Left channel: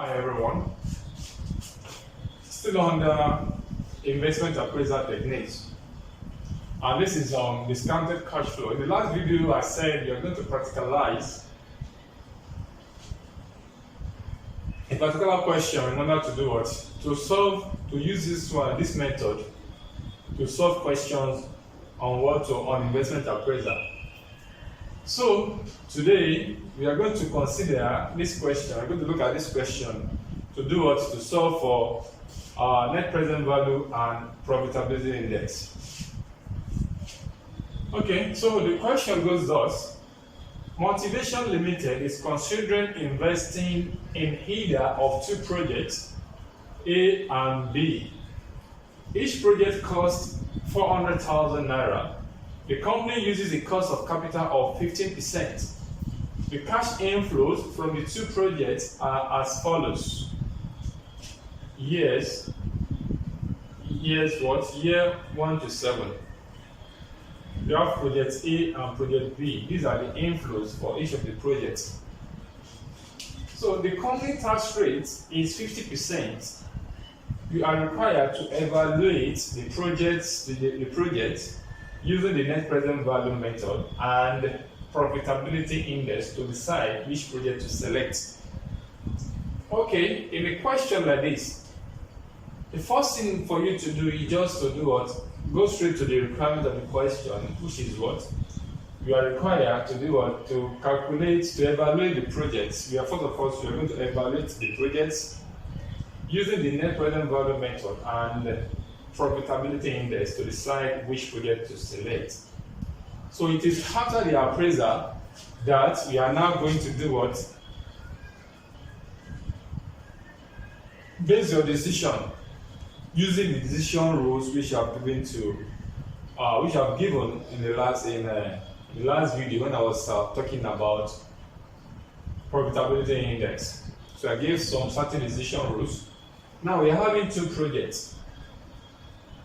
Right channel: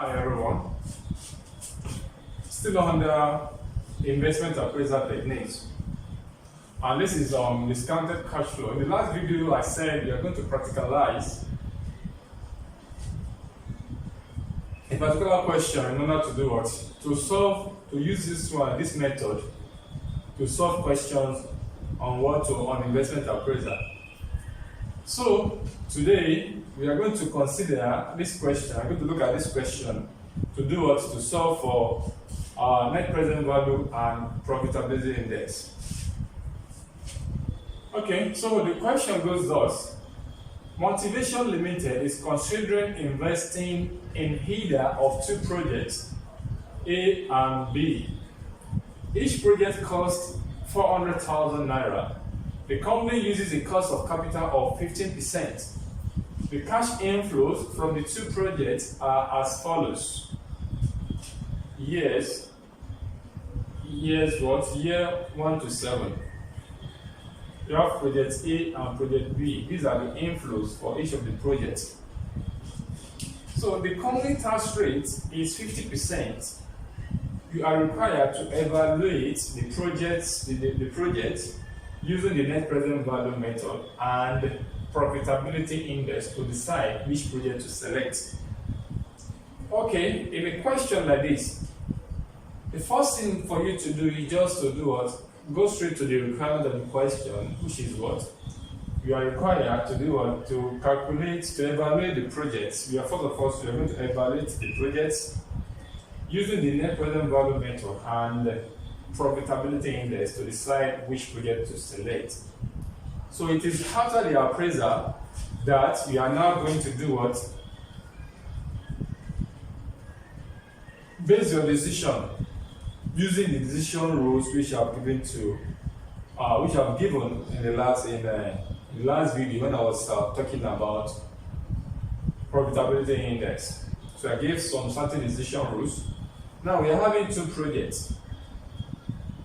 Hi everyone. Still under investment appraisal techniques. And this is discounted cash flow. In the last video I said you're going to practicalize a particular question in order to do what? To use this method to solve questions on investment appraisal. So today we are going to consider this question. I'm going to look at this question to do what? To solve for net present value and profitability index. Okay, so the question goes thus. Motivation Limited is considering investing in either of two projects, A and B. Each project costs 400,000 naira. The company uses a cost of capital of 15%. The cash inflows from the two projects are as follows. Years what? Year 1 to 7. We have project A and project B. These are the inflows for each of the projects. So the company tax rate is 50%. You are required to evaluate the project using the net present value method and profitability index to decide which project to select. Okay, in a question like this, the first thing for you to do is just to do what? Go straight to the requirement of the question, which is what? You are required to do what? To calculate, to evaluate the projects. We are first of all going to evaluate the projects using the net present value method and profitability index to decide which project to select. So it is after the appraisal that we are now going to do what? Base your decision using the decision rules which I've given in the last video when I was talking about profitability index. So I gave some certain decision rules. Now we are having two projects.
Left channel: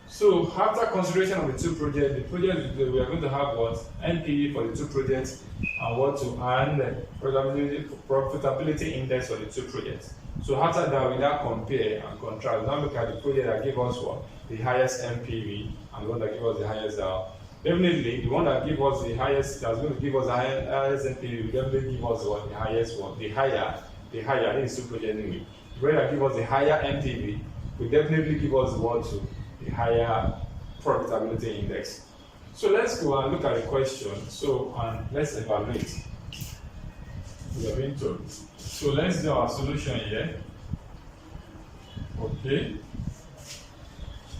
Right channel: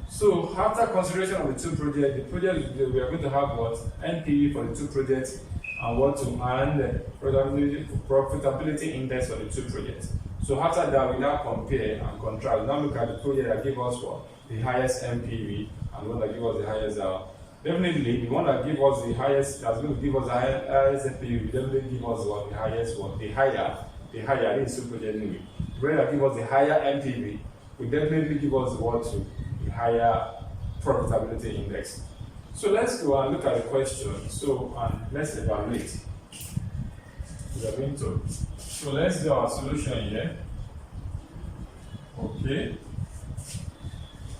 So after consideration of the two projects, we are going to have what? NPV for the two projects and profitability index for the two projects. So after that, we now compare and contrast. Now look at the project that gave us what? The highest NPV and the one that gave us the highest. Definitely, the one that gave us the highest, that's going to give us the highest NPV, will definitely give us what? The highest one. The higher, I think it's two project anyway. The project that give us the higher NPV will definitely give us what? The higher profitability index. So let's go and look at the question. So let's evaluate. We are being told. So let's do our solution here. Okay.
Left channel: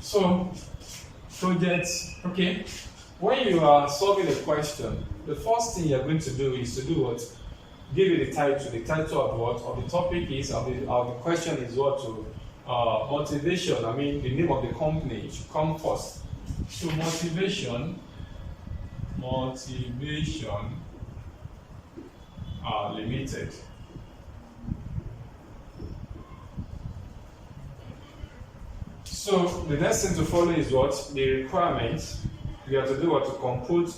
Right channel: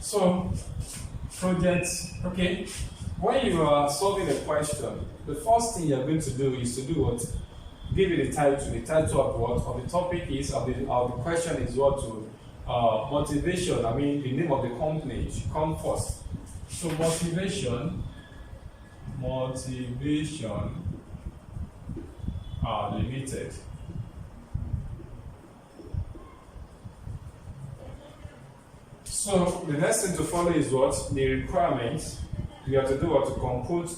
So projects. Okay. When you are solving a question, the first thing you're going to do is to do what? Give it a title. The title of what? Of the topic is of the question is what? To motivation. I mean the name of the company should come first. So motivation limited. So the next thing to follow is what? The requirements. We have to do what? To compute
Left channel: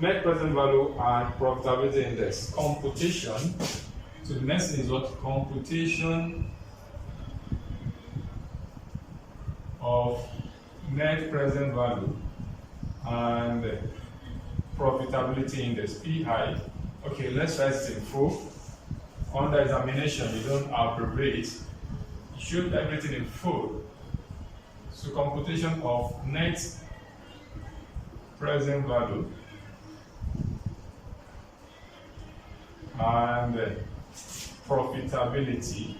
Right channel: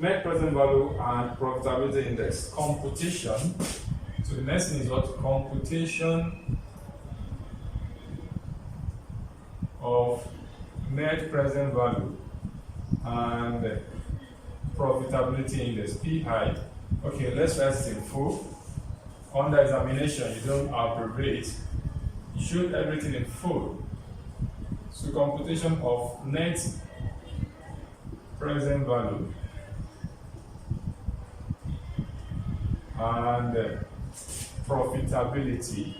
net present value and profitability index. Computation. So the next thing is what? Computation of net present value and profitability index, PI. Okay, let's write it in full. Under examination, you don't abbreviate. You should everything in full. So computation of net present value and profitability.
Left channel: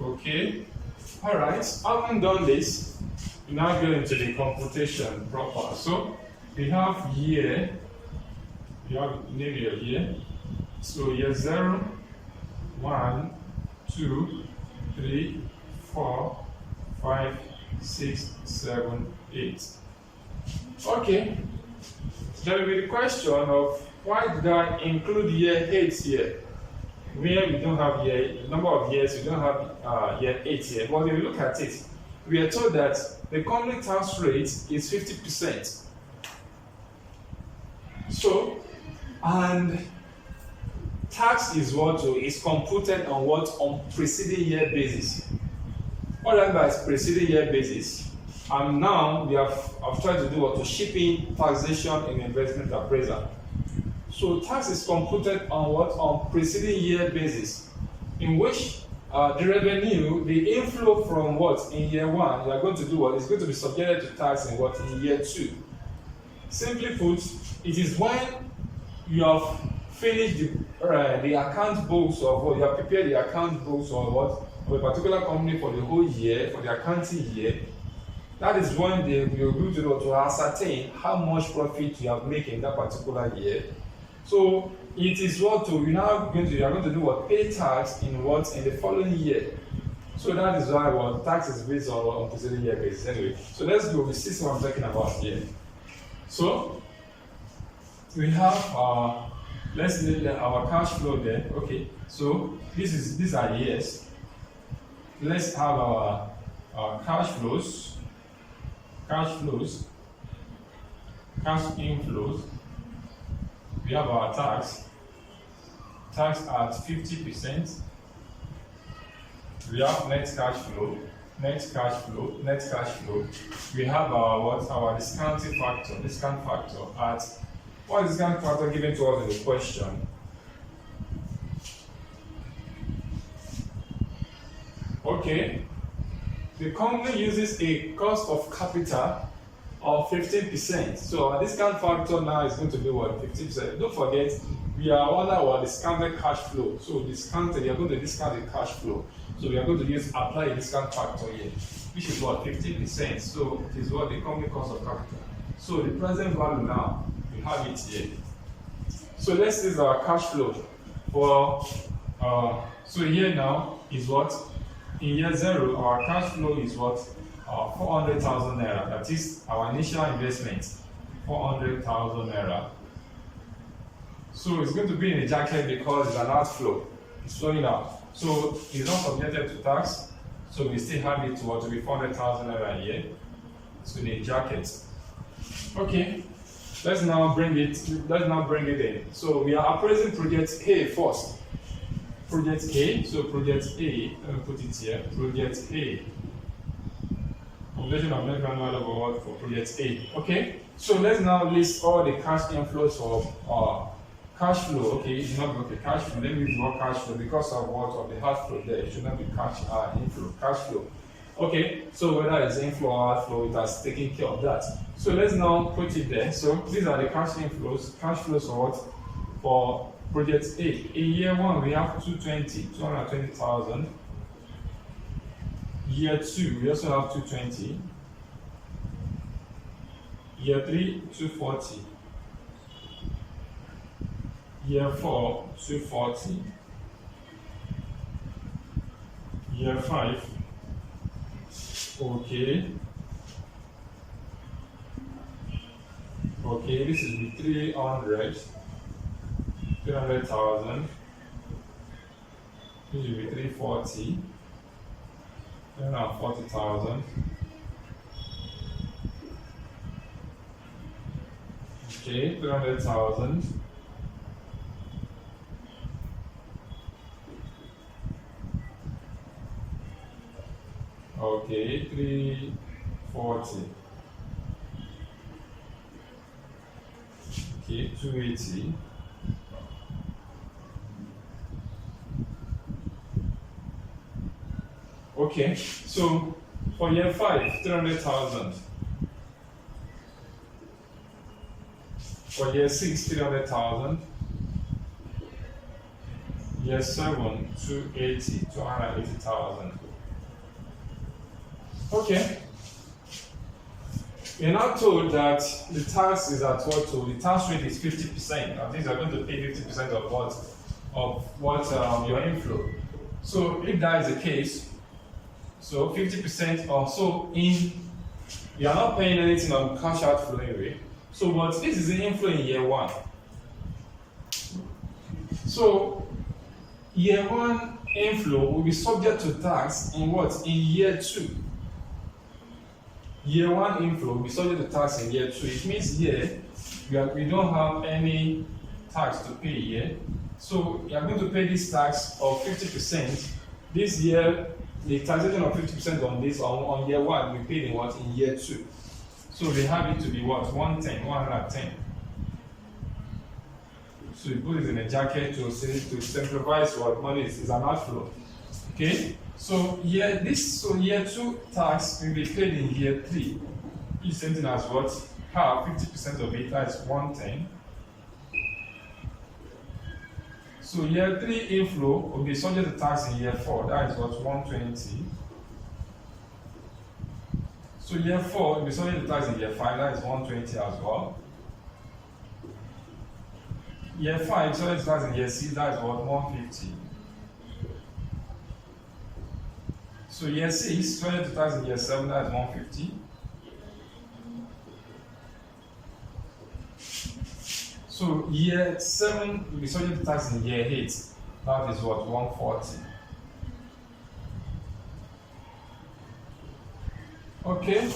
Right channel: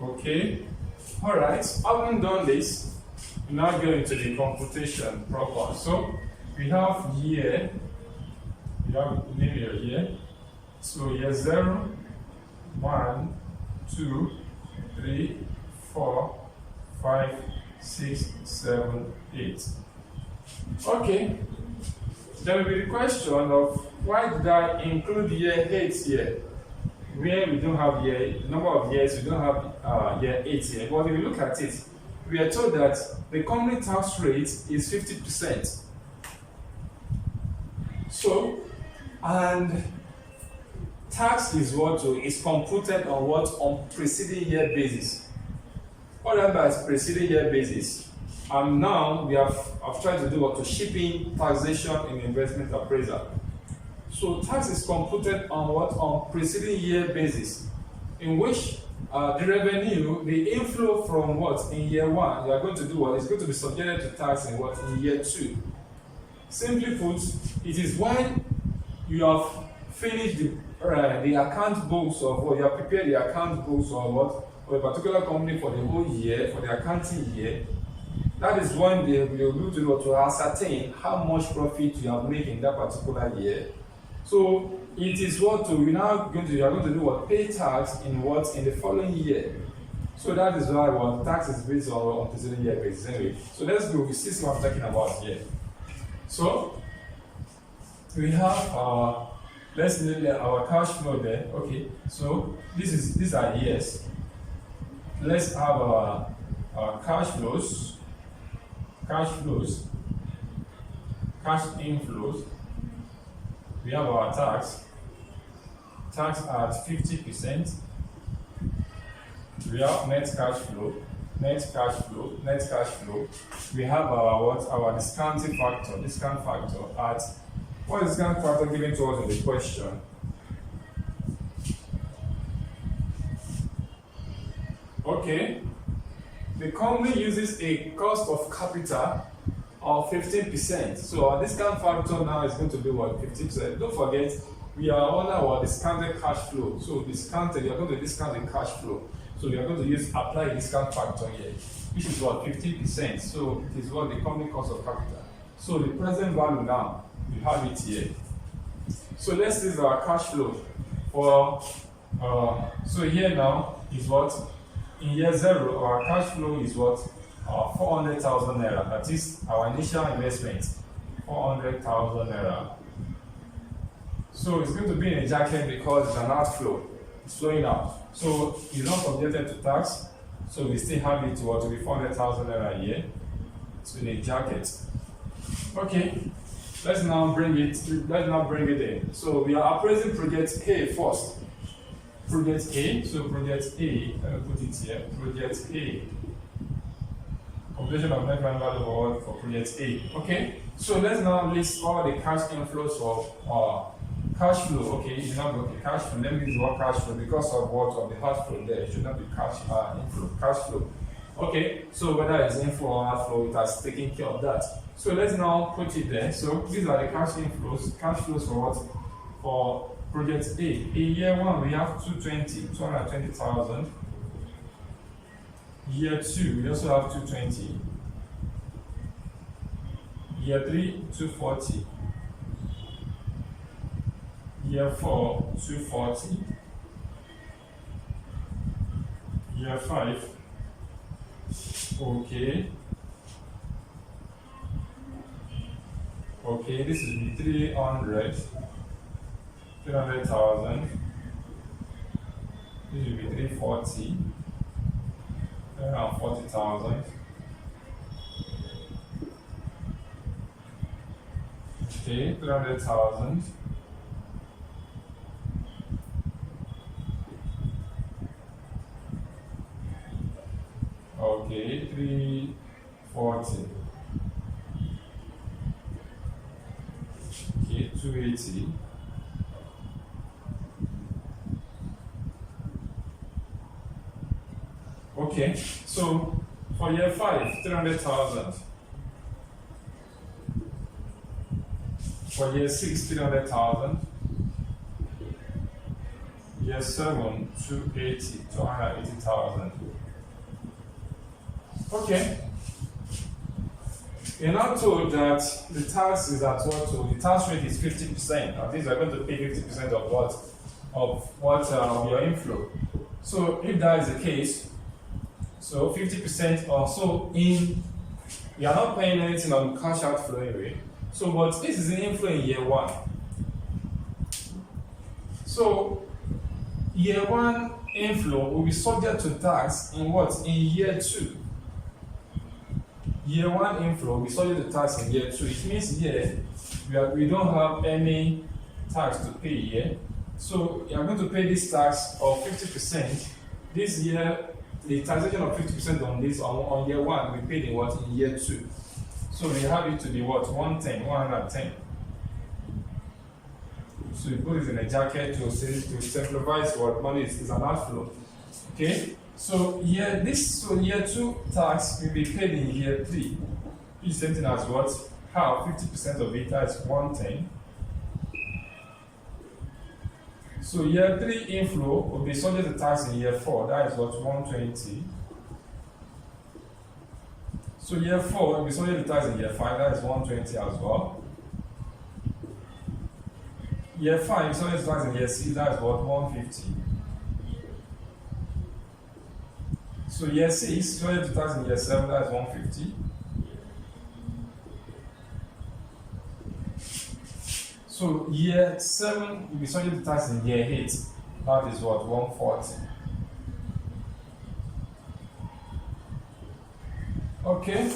Okay. All right. Having done this, we now go into the computation proper. So we have year. We have name your year. So year 0, 1, 2, 3, 4, 5, 6, 7, 8. Okay. There will be the question of why did I include year 8 here? Where we don't have number of years, we don't have year 8 here. But if you look at it, we are told that the company tax rate is 50%. So, and tax is what is computed on what? On preceding year basis. What I mean by preceding year basis, and now I've tried to do what? To ship in taxation in investment appraisal. So tax is computed on what? On preceding year basis, in which the revenue, the inflow from what? In year one, you are going to do what? It's going to be subjected to tax in what? In year two. Simply put, it is when you have finished the account books of what? You have prepared the account books of what? Of a particular company for the whole year, for the accounting year. That is when they will be able to ascertain how much profit you have made in that particular year. So it is what you are going to do what? Pay tax in what? In the following year. So that is why what tax is based on preceding year basis. Anyway, so let's go. We see what I'm talking about here. So we have let's look at our cash flow there. Okay, so these are years. Let's have our cash flows, cash inflows. We have our tax at 50%. We have net cash flow. We have our discount factor at, what is discount factor given to us in the question? Okay, the company uses a cost of capital of 15%. So our discount factor now is going to be what? 50%. Don't forget, we are on our discounted cash flow. So you are going to discount the cash flow. So we are going to apply a discount factor here, which is what? 15%. So it is what the company cost of capital. So the present value now, we have it here. So let's use our cash flow for, so here now is what? In year 0, our cash flow is what? 400,000 naira. That is our initial investment, 400,000 naira. So it's going to be in a jacket because it's an outflow. It's flowing out. So it's not subjected to tax. So we still have it to be 400,000 naira a year. It's in a jacket. Okay. Let's now bring it in. So we are appraising project A first. Project A. So project A. Let me put it here. Project A. Computation of net grand value award for project A. Okay, so let's now list all the cash inflows of cash flow. Okay, it's not okay. Cash flow. Let me use the word cash flow because of what of the outflow there. It should not be cash inflow. Cash flow. Okay, so whether it's inflow or outflow, it has taken care of that. So let's now put it there. So these are the cash inflows. Cash flows for what? For project A. In year 1, we have 220,000. Year 2, we also have 220. Year 3, 240. Year 4, 240. Year 5. Okay. Okay, this is 300,000. This will be 340. 40,000. Okay, 300,000. Okay, 340. Okay, 280. Okay, so for year 5, 300,000. For year 6, 300,000. Year 7, 280,000. Okay. You're now told that the tax is at what? So the tax rate is 50%. That means you're going to pay 50% of what? Your inflow. So if that is the case, so 50% or so you are not paying anything on cash outflow anyway. So but this is the inflow in year 1. So year 1 inflow will be subject to tax in what? In year 2. Year 1 inflow will be subject to tax in year 2. It means here we don't have any tax to pay here. So we are going to pay this tax of 50%. This year, the taxation of 50% on this on year 1 we paid in what? In year 2. So we have it to be what? 110. So you put it in a jacket to simplify what money is an outflow. Okay? So year 2 tax will be paid in year 3. It's same thing as what? Half, 50% of it, that's 110. So year 3 inflow will be subject to tax in year 4, that is what? 120. So year 4 will be subject to tax in year 5, that is 120 as well. Year 5 subject to tax in year 6, that is what? 150. So year 6 subject to tax in year 7, that is 150. So year 7 will be subject to tax in year 8, that is what? 140. Okay,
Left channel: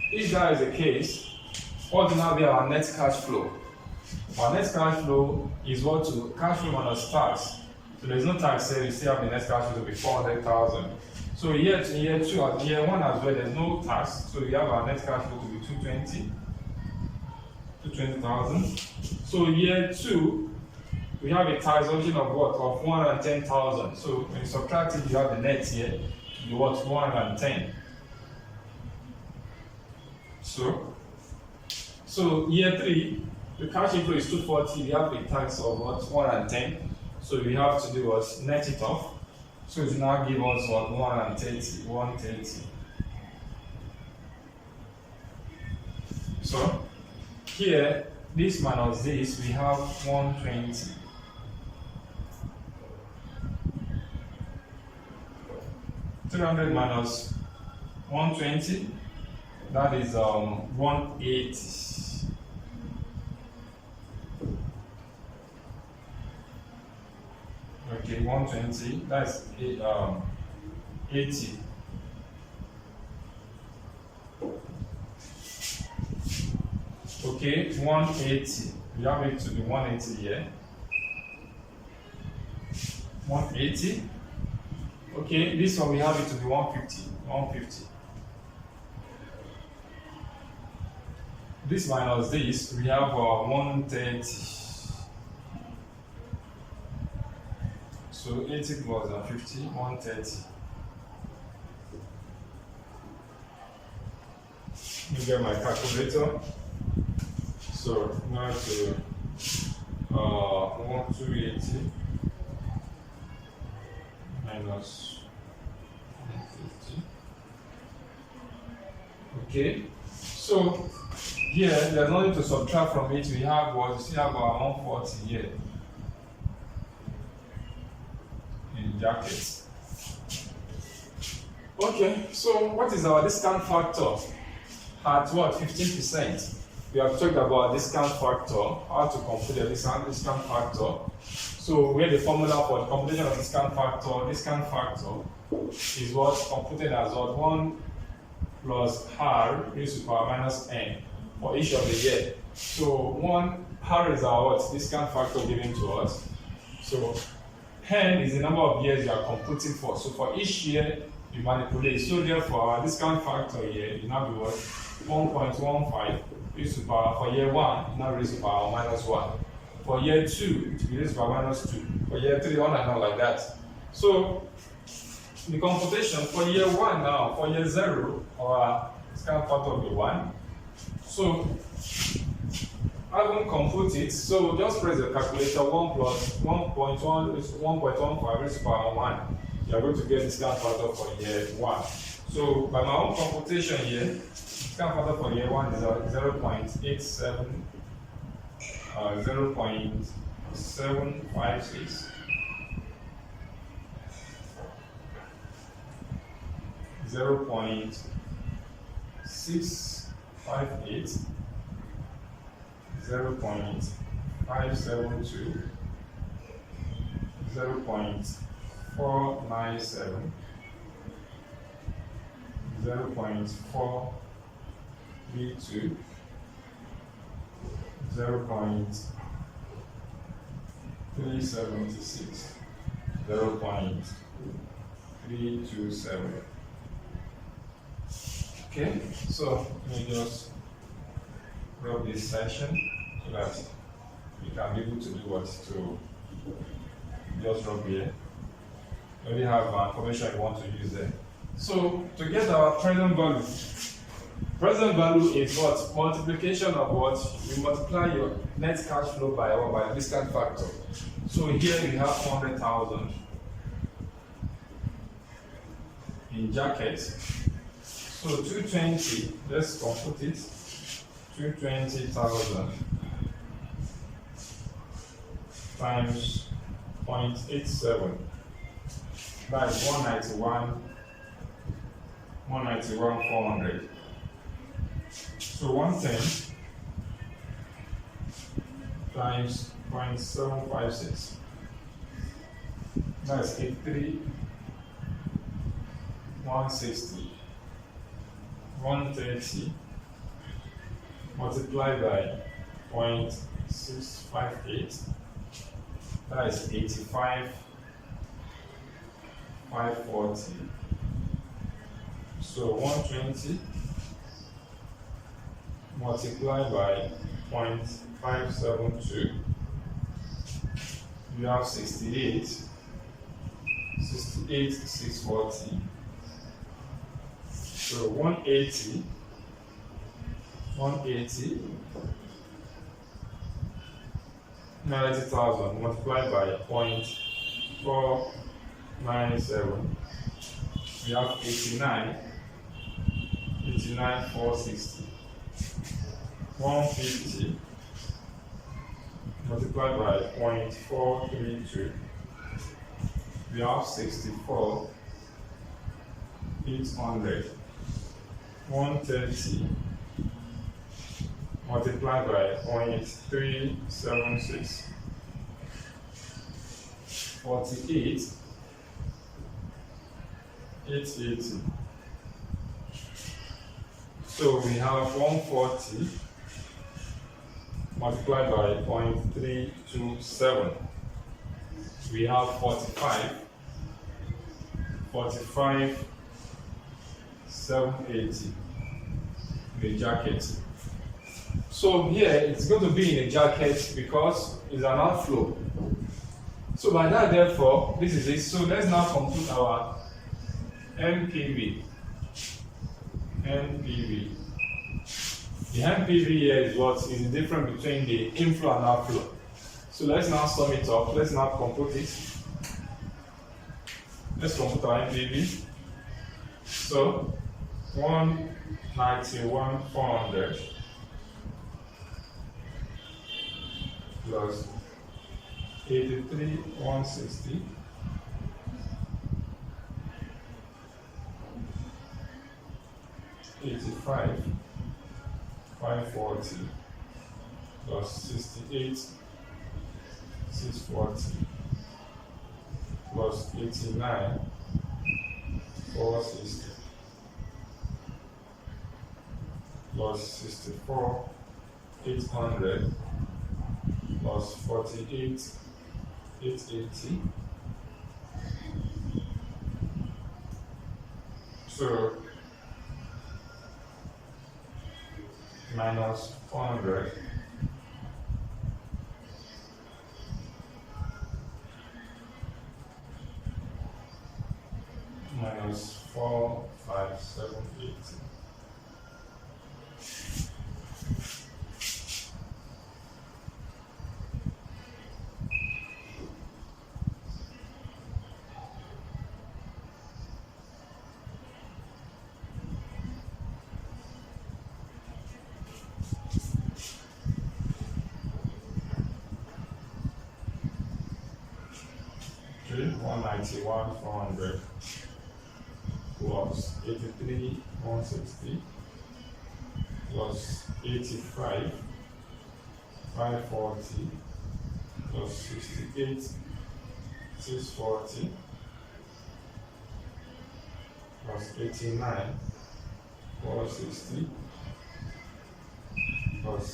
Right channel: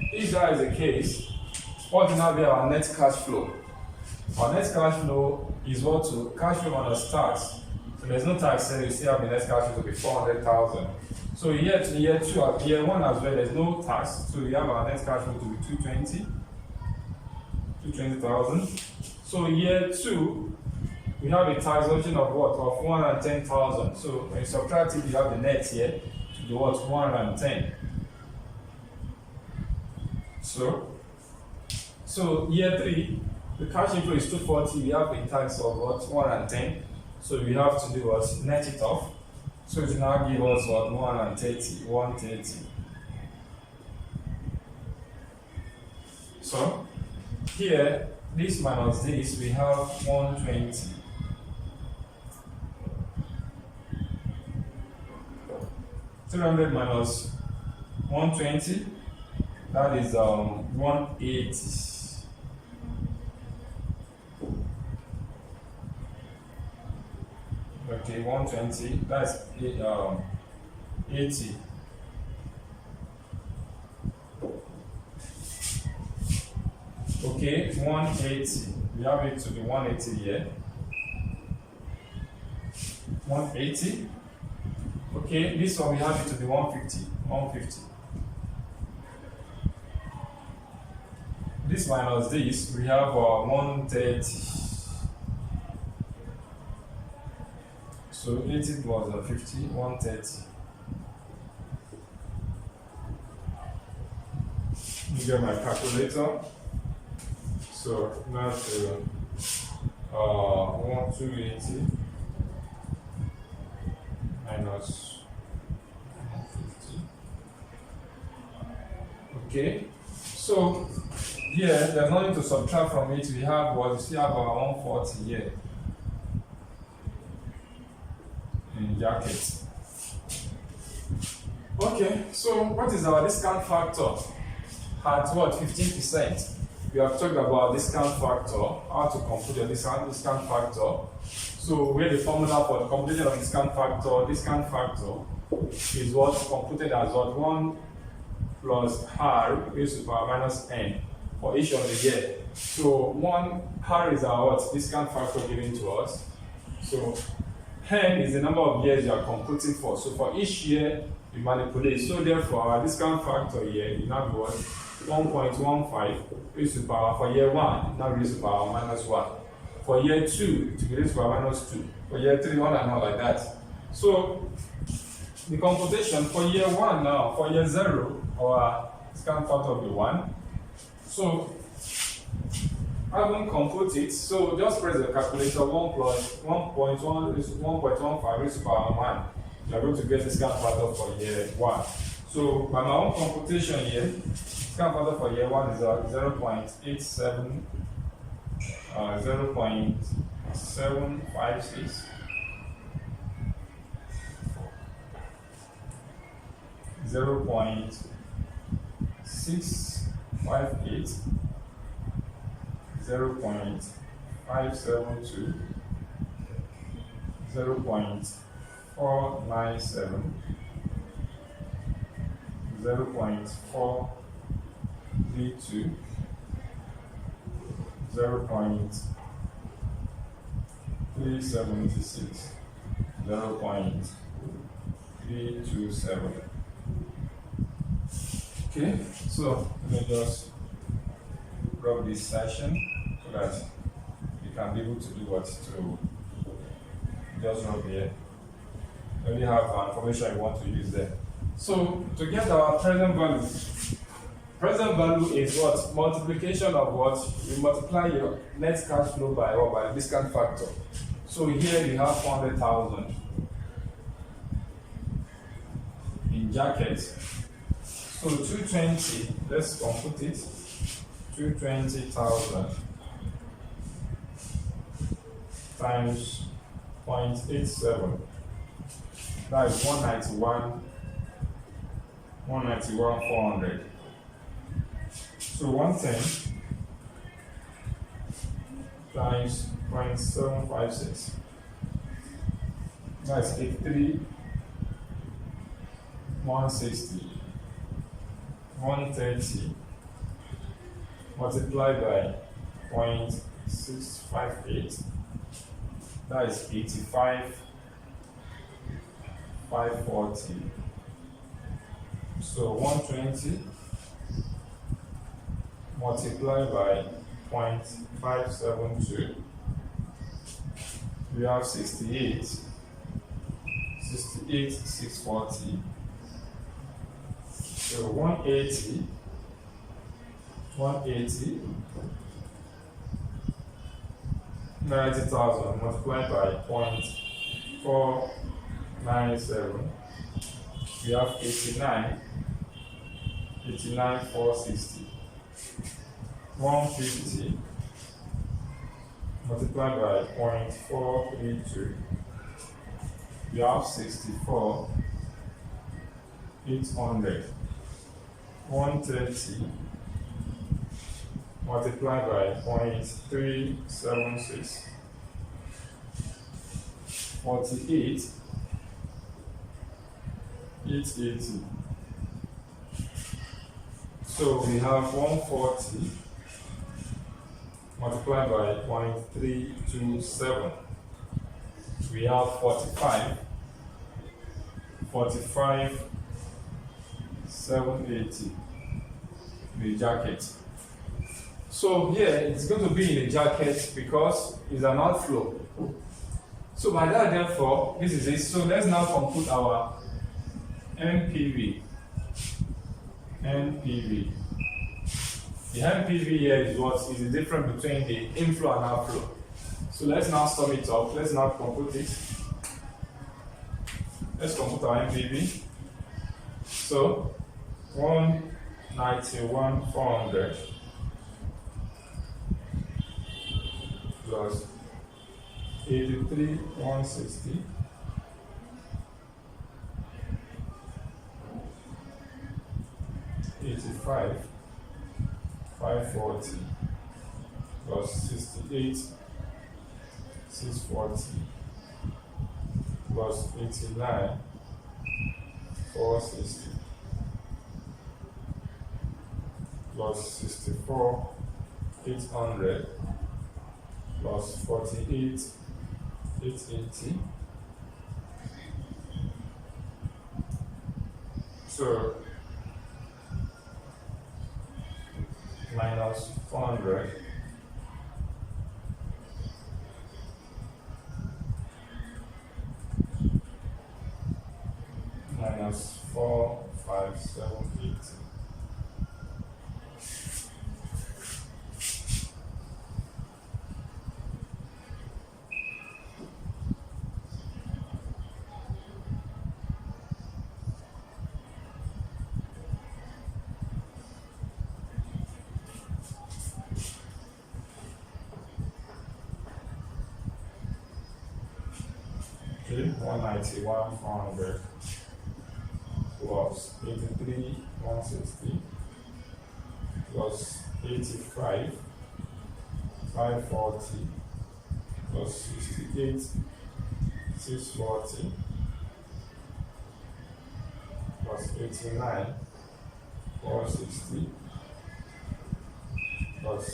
if that is the case, what will now be our net cash flow? Our net cash flow is what to cash flow minus tax. So there's no tax here, you still have the net cash flow to be 400,000. So year 1 as well, there's no tax, so we have our net cash flow to be 220,000. So year 2, we have a taxation of what? Of 110,000. So when you subtract it, you have the net here to be what? 110. So year 3, the cash inflow is 240. We have a tax of what? 110. So we have to do what? Net it off. So it will now give us what? 130. So here, this minus this, we have 120. $300 minus 120, that is 180. Okay, 120, that's 80. Okay, 180. We have it to be 180 here. 180. Okay, this one we have it to be 150. This minus this, we have 130. So 80 plus 50, 130. Let me get my calculator. So now to 280 minus 150. Okay, so here there's nothing to subtract from it. We have what? We still have our 140 here in brackets. Okay, so what is our discount factor? At what? 15%. We have talked about discount factor, how to compute the discount factor. So we have the formula for the computation of discount factor. Discount factor is what computed as what? 1 plus r raised to the power minus n for each of the year. So r is our what? Discount factor given to us. So n is the number of years you are computing for. So for each year you manipulate. So therefore our discount factor here will now be what? 1.15 raised to the power for year 1, now raised to the power minus 1. For year 2, it will be raised to the power minus 2. For year 3, on and on like that. So the computation for year 1 now, for year 0, our discount factor will be 1. So I won't compute it. So just press the calculator. 1 plus 1.1 is 1.15 raised to the power 1. You are going to get discount factor for year 1. So by my own computation here, discount factor for year 1 is 0.87, 0.756, 0.658, 0.572, 0.497, 0.432, 0.376, 0.327. Okay, so let me just rub this section so that you can be able to do what to just rub here. You only have information you want to use there. So to get our present value is what? Multiplication of what? We multiply your net cash flow by what? By the discount factor. So here we have 400,000 in jackets. So 220, let's compute it. 220,000 times 0.87. That is 191,400. So 110 times 0.756. That's 83,160. 130 multiplied by 0.658. That is 85,540. So 120 multiplied by 0.572. We have 68,640. So 180 90,000 multiplied by 0.497. We have 89,460. 150 multiplied by 0.432. We have 64,800. 130 multiplied by 0.376. 48,880. So we have 140 multiplied by 0.327. We have 45,780 in the jacket. So here it's going to be in a jacket because it's an outflow. So by that, therefore, this is it. So let's now compute our NPV. The NPV here is what is the difference between the inflow and outflow. So let's now sum it up. Let's now compute it. Let's compute our NPV. So 191,400 plus 83,160 85,540 plus 68,640 plus 89,460 plus 64,800 plus 48,880. So minus 400 minus 4,578. Okay, 191,400 plus 83,160 plus 85,540 plus 68,640 plus 89,460 plus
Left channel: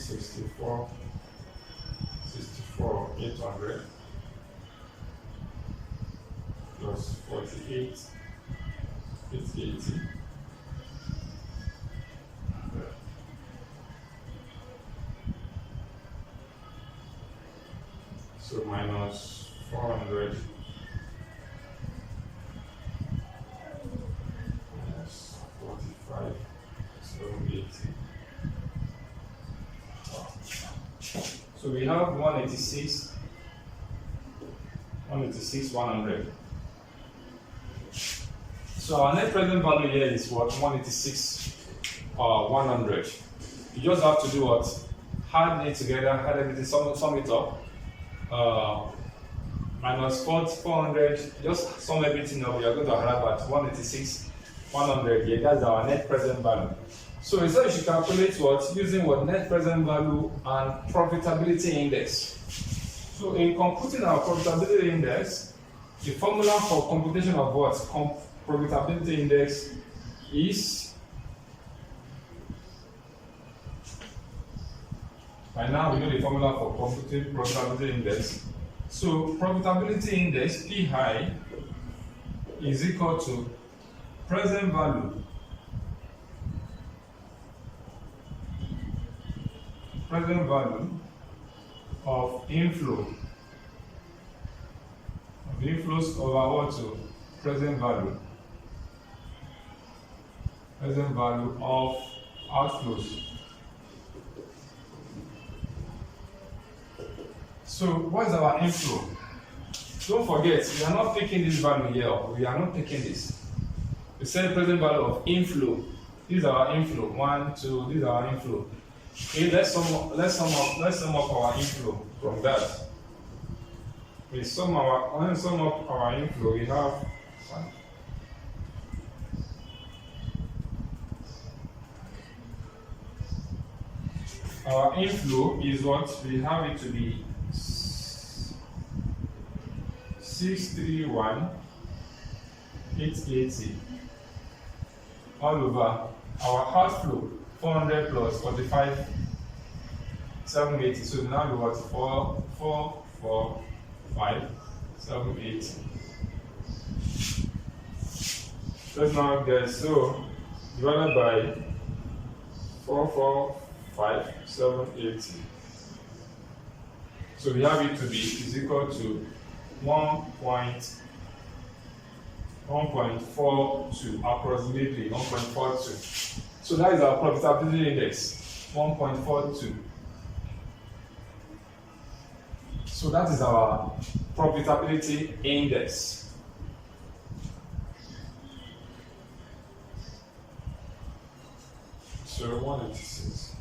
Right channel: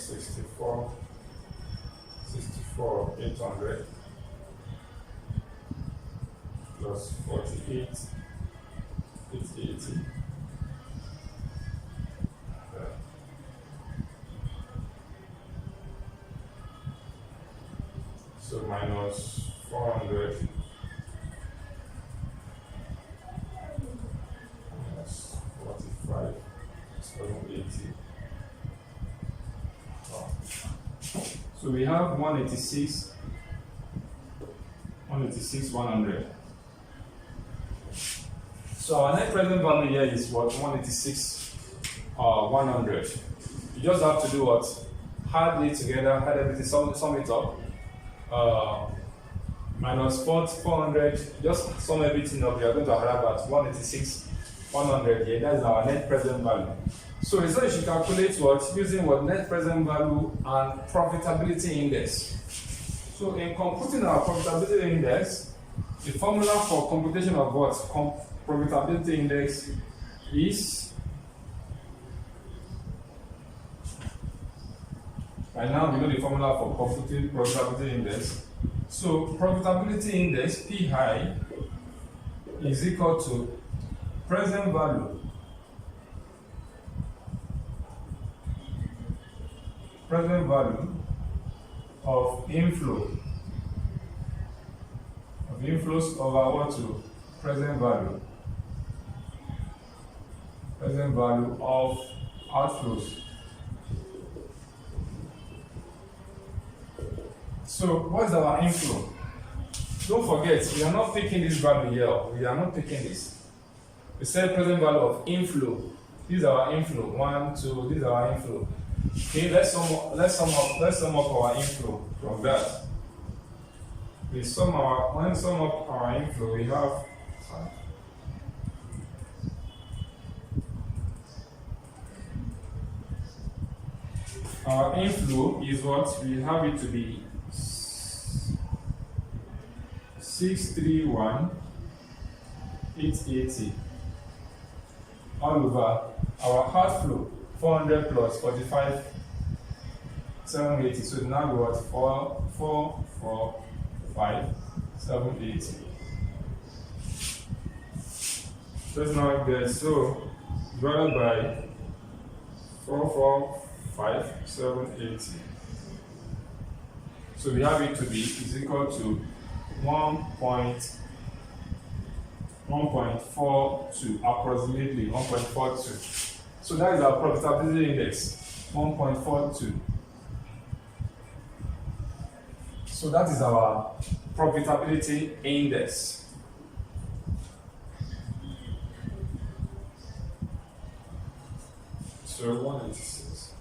64,800 plus 48,880. So minus 400 minus 45,780. So we have 186,100. So our net present value here is what? 186,100. You just have to do what? Add it together, add everything, sum it up. Minus 400, just sum everything up. You are going to arrive at 186,100 here. That's our net present value. So you should calculate what? Using what? Net present value and profitability index. So in computing our profitability index, the formula for computation of what? Profitability index is, by now we know the formula for computing profitability index. So profitability index PI is equal to present value of inflows over what? To present value of outflows. So what is our inflow? Don't forget, we are not picking this value here. We are not picking this. We said present value of inflow. This is our inflow. 1, 2. This is our inflow. Okay, let's sum up our inflow from that. When we sum up our inflow, we have our inflow is what? We have it to be 631,880 all over our outflow 400 plus 45,780. So now we what? 445,780. Let's now get, so divided by 445,780. So we have it to be is equal to 1.42, approximately 1.42. So that is our profitability index, 1.42. So that is our profitability index. So 186.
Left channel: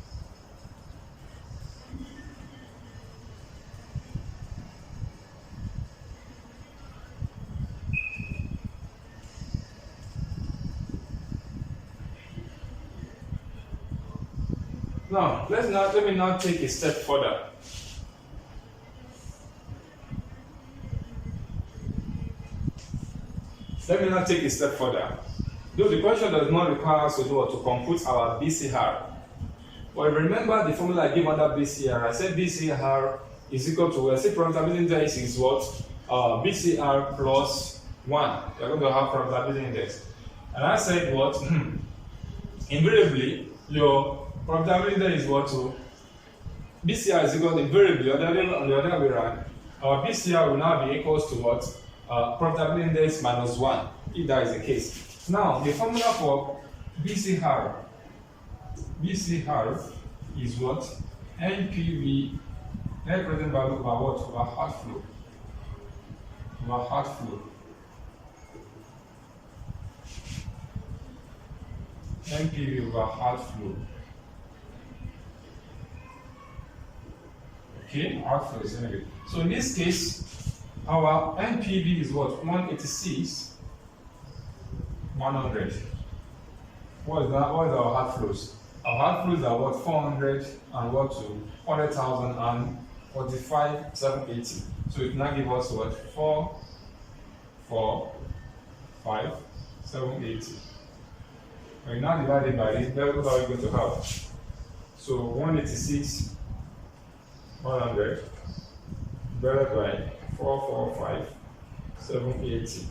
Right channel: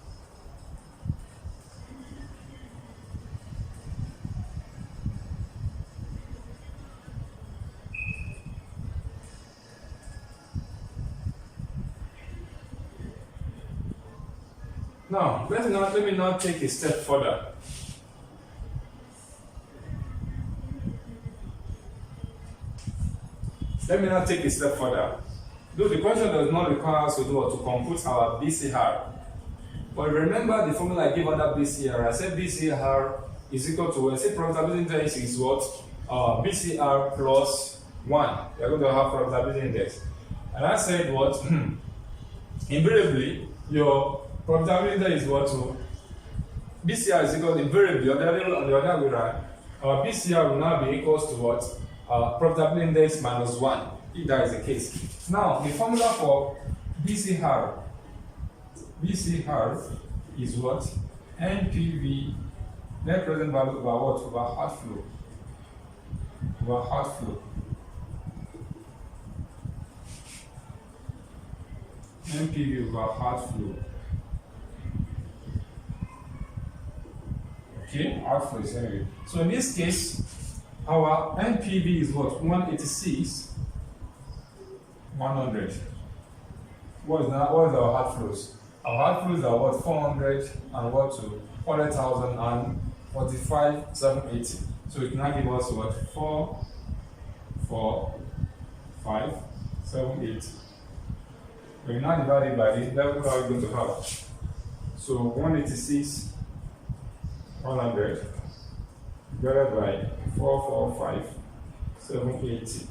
Now, let me now take a step further. Let me now take a step further. Though the question does not require us to do or to compute our BCR. But remember the formula I gave under BCR. I said BCR is equal to, I said profitability index is what? BCR plus 1. You're going to have profitability index. And I said what? Invariably, your profitability index is what? To BCR is equal to invariably, on the other way around, our BCR will now be equals to what? Profitability index minus 1, if that is the case. Now, the formula for BCR is what? NPV, net present value over what? Over outflow. NPV over outflow. Okay, outflow is anyway. So in this case, our NPV is what? 186,100. What is that? What is our outflows? Our outflows are what? 400 and what to 400,000 and 45,780. So it now give us what? 445,780. We now divide it by this. That's what we're going to have. So 186,100 divided by 445,780.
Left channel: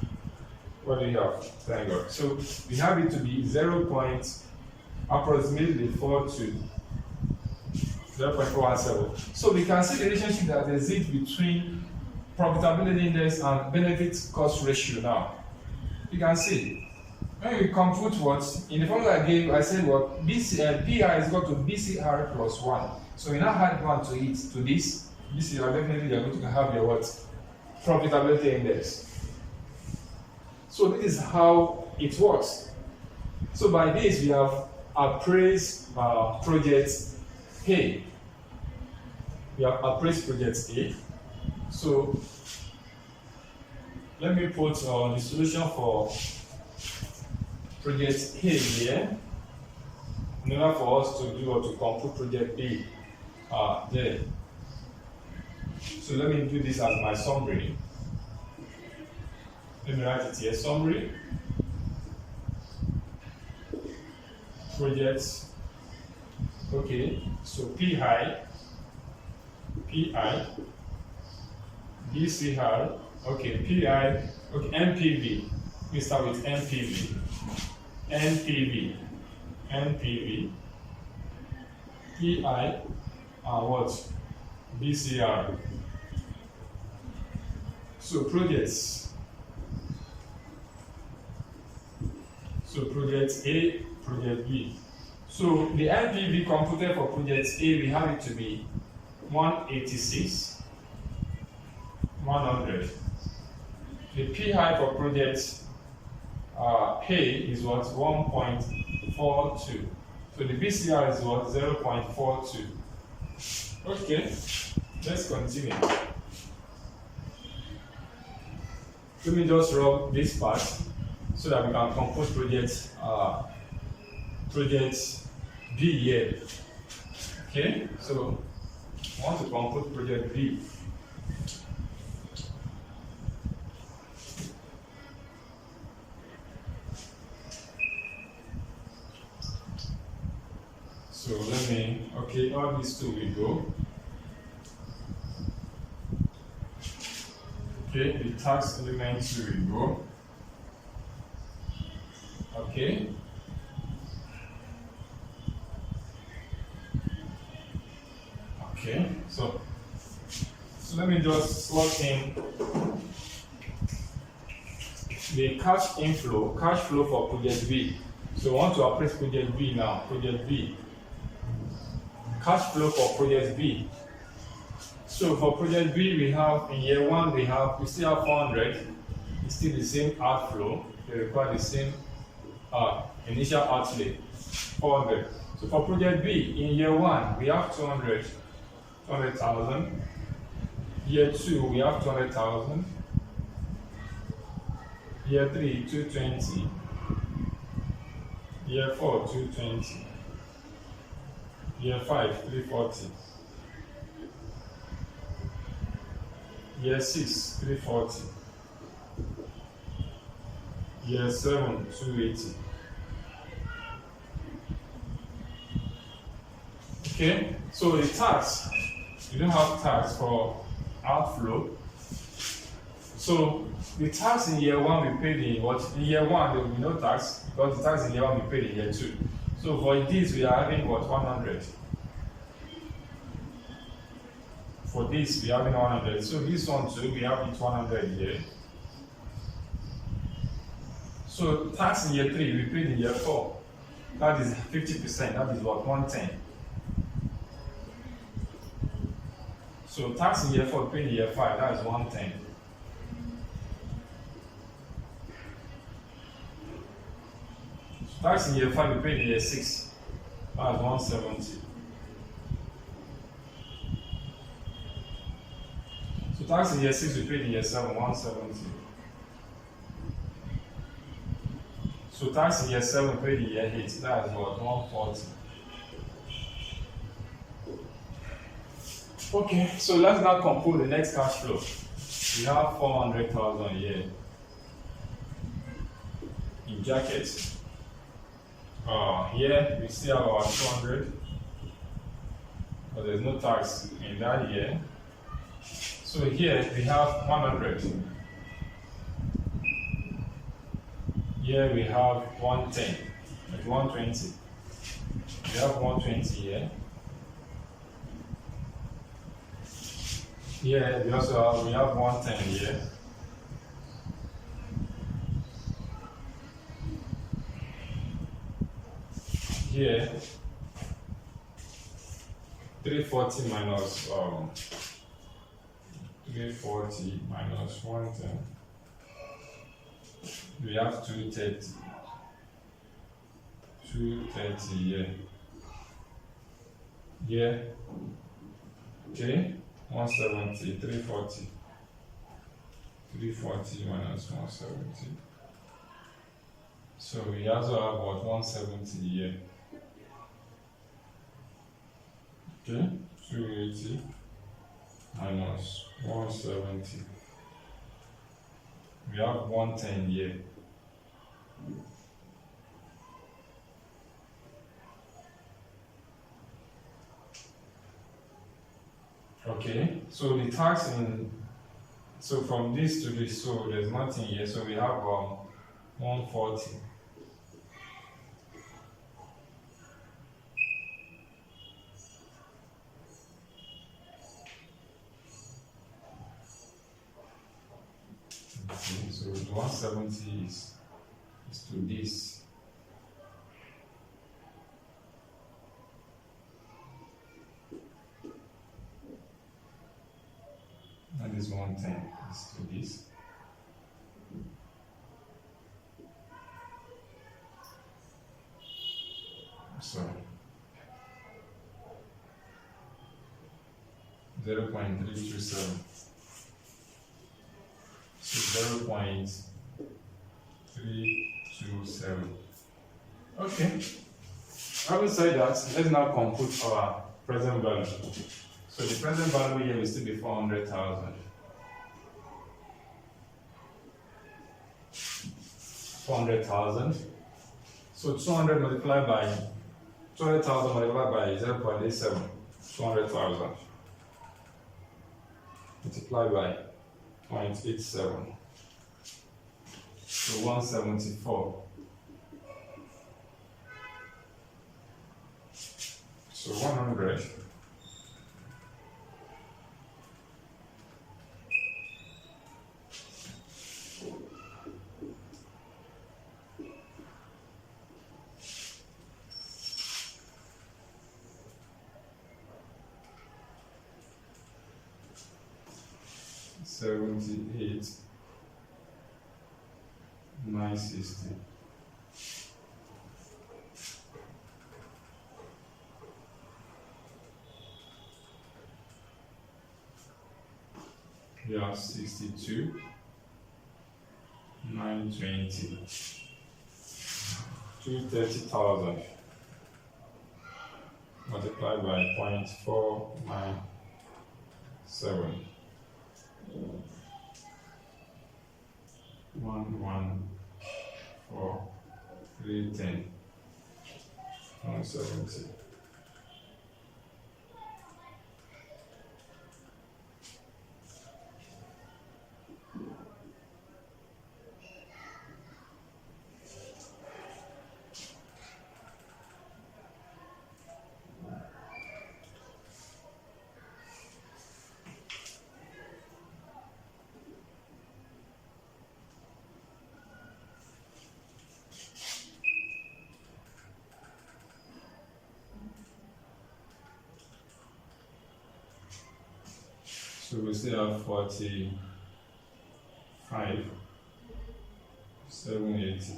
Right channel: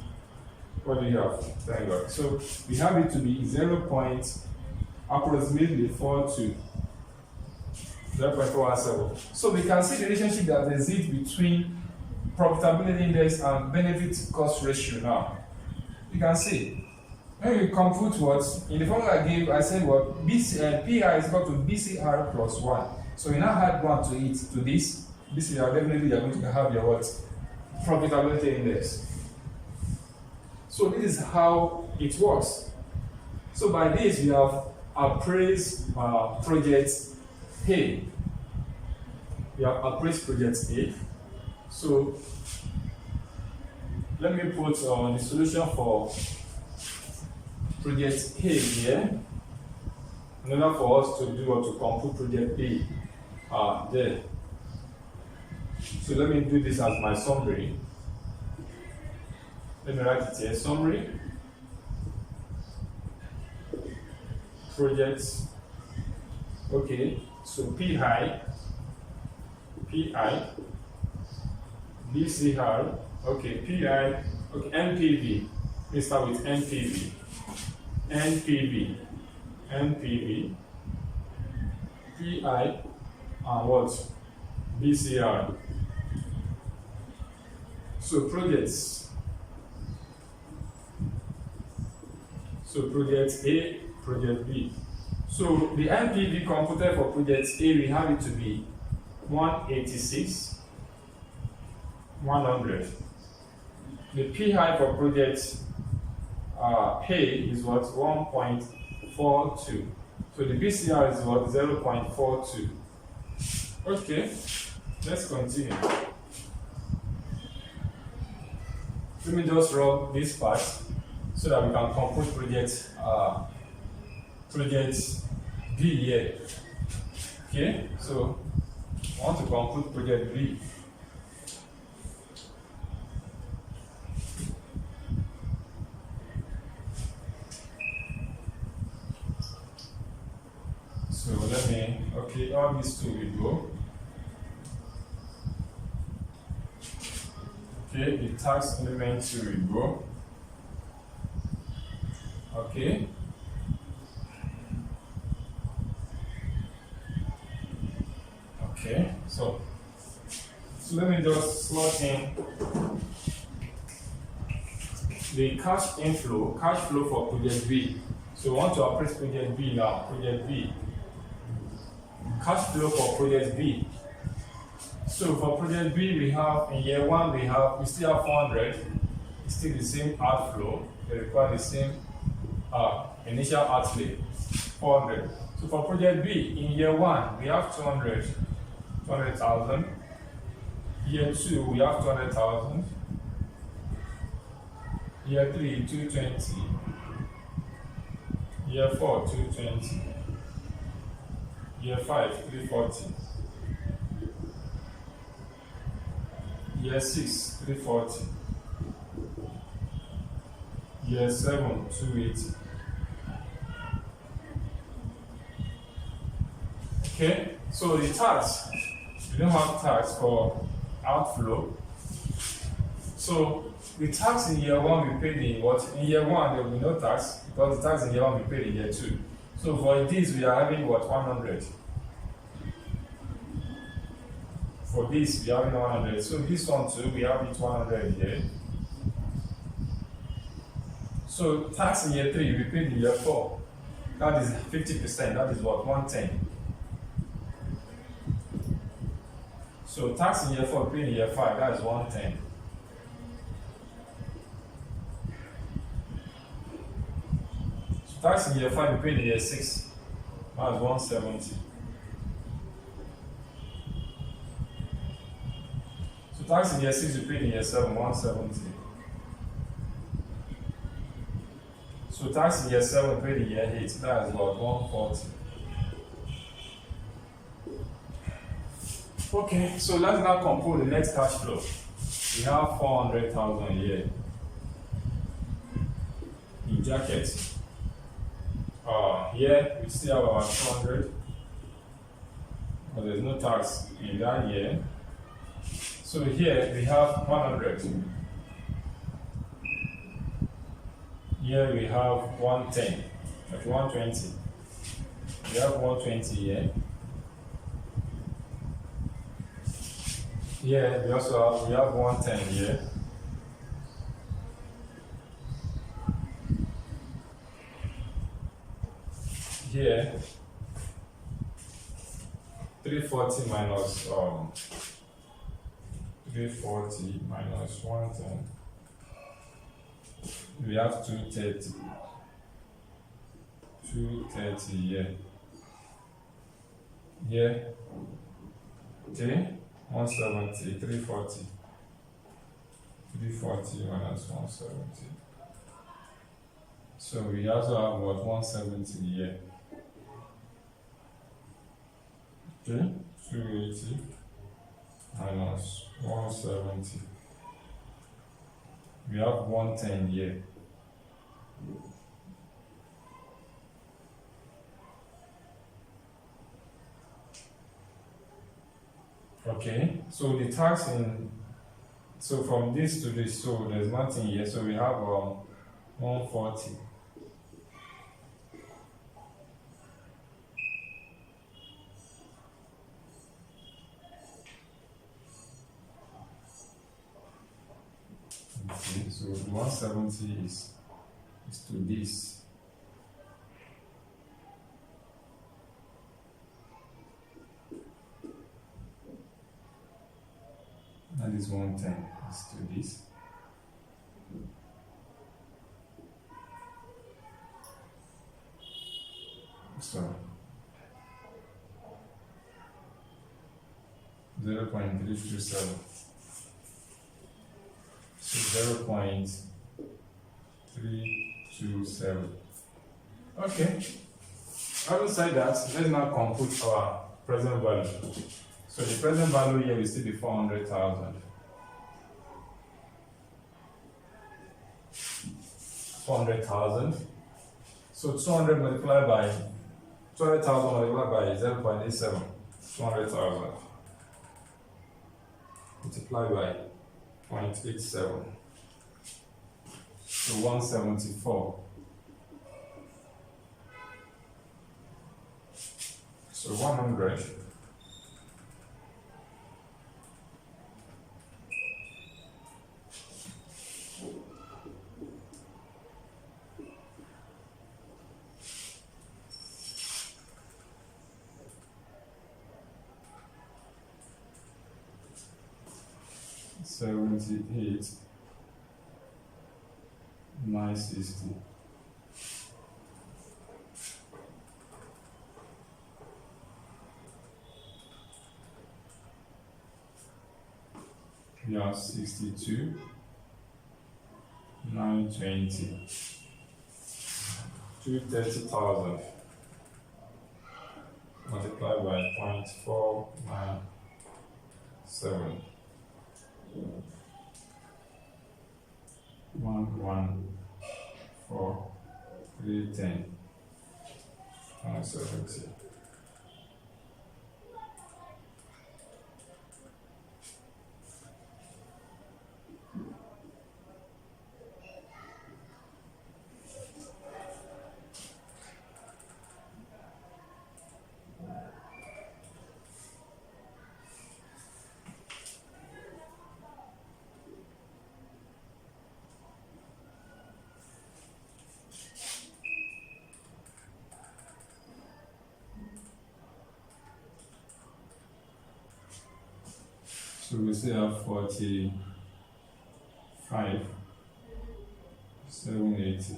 What do you have? Thank God. So we have it to be 0.417. So we can see the relationship that exists between profitability index and benefit cost ratio now. You can see when we compute what in the formula I gave, I said what PI is equal to BCR plus 1. So we now add 1 to it to this. BCR, definitely you're going to have your what? Profitability index. So this is how it works. So by this we have appraised project A. We have appraised project A. So let me put the solution for project A here in order for us to do or to compute project B there. So let me do this as my summary. Let me write it here, summary, projects, okay, so PI, BCR, okay, PI, okay, NPV, we start with NPV, PI, and what? BCR. So projects. So project A, project B. So the NPV computed for project A, we have it to be 186,100. The PI for project A is what? 1.42. So the BCR is what? 0.42. Okay, let's continue. Let me just rub this part so that we can compute project B here. Okay, so I want to compute project B. So let me, okay, all these two will go. Okay, the tax element 2 will go. Okay. Okay, so let me just slot in the cash flow for project B. So I want to appraise project B now, project B. Cash flow for project B. So for project B, we have in year 1 we still have 400. It's still the same outflow. They require the same initial outlay, 400. So for project B, in year 1 we have 200,000. Year 2 we have 200,000. Year 3 220. Year 4 220. Year 5 340. Year 6 340. Year 7 280. Okay, so the tax, we don't have tax for outflow. So the tax in year 1 we paid in what? In year 1 there will be no tax because the tax in year 1 we paid in year 2. So for this we are having what? 100. For this we are having 100. So this one too we have it 100 here. So tax in year 3 we paid in year 4. That is 50%. That is what? 110. So tax in year 4 we paid in year 5. That is 110. So tax in year 5 we paid in year 6. That is 170. So tax in year 6 we paid in year 7. 170. So tax in year 7 paid in year 8, that is what? 140. Okay, so let's now compute the next cash flow. We have 400,000 here in jacket. Here we still have our 200, but there's no tax in that year. So So here we have 100. Here we have 110, like 120. We have 120 here. Here we have 110 here. Here 340 minus 340 minus 110. We have 230. 230 here. Here. Okay. 170, 340. 340 minus 170. So we also have what, 170 here. Okay, 280 minus 170. We have 110 here. Okay, so the tax so from this to this, so there's nothing here, so we have 140. Okay, so 170 is to this. And this 110 is to this. So 0.327. So 0.327. Okay. Having said that, let's now compute our present value. So the present value here will still be 400,000. 400,000. So 200 multiplied by 200,000 multiplied by 0.87. 200,000 multiplied by 0.87. So 174. So 100. $78,960. We have 62,920. 230,000 multiplied by 0.497. 114,310. 170. So we still have 45,780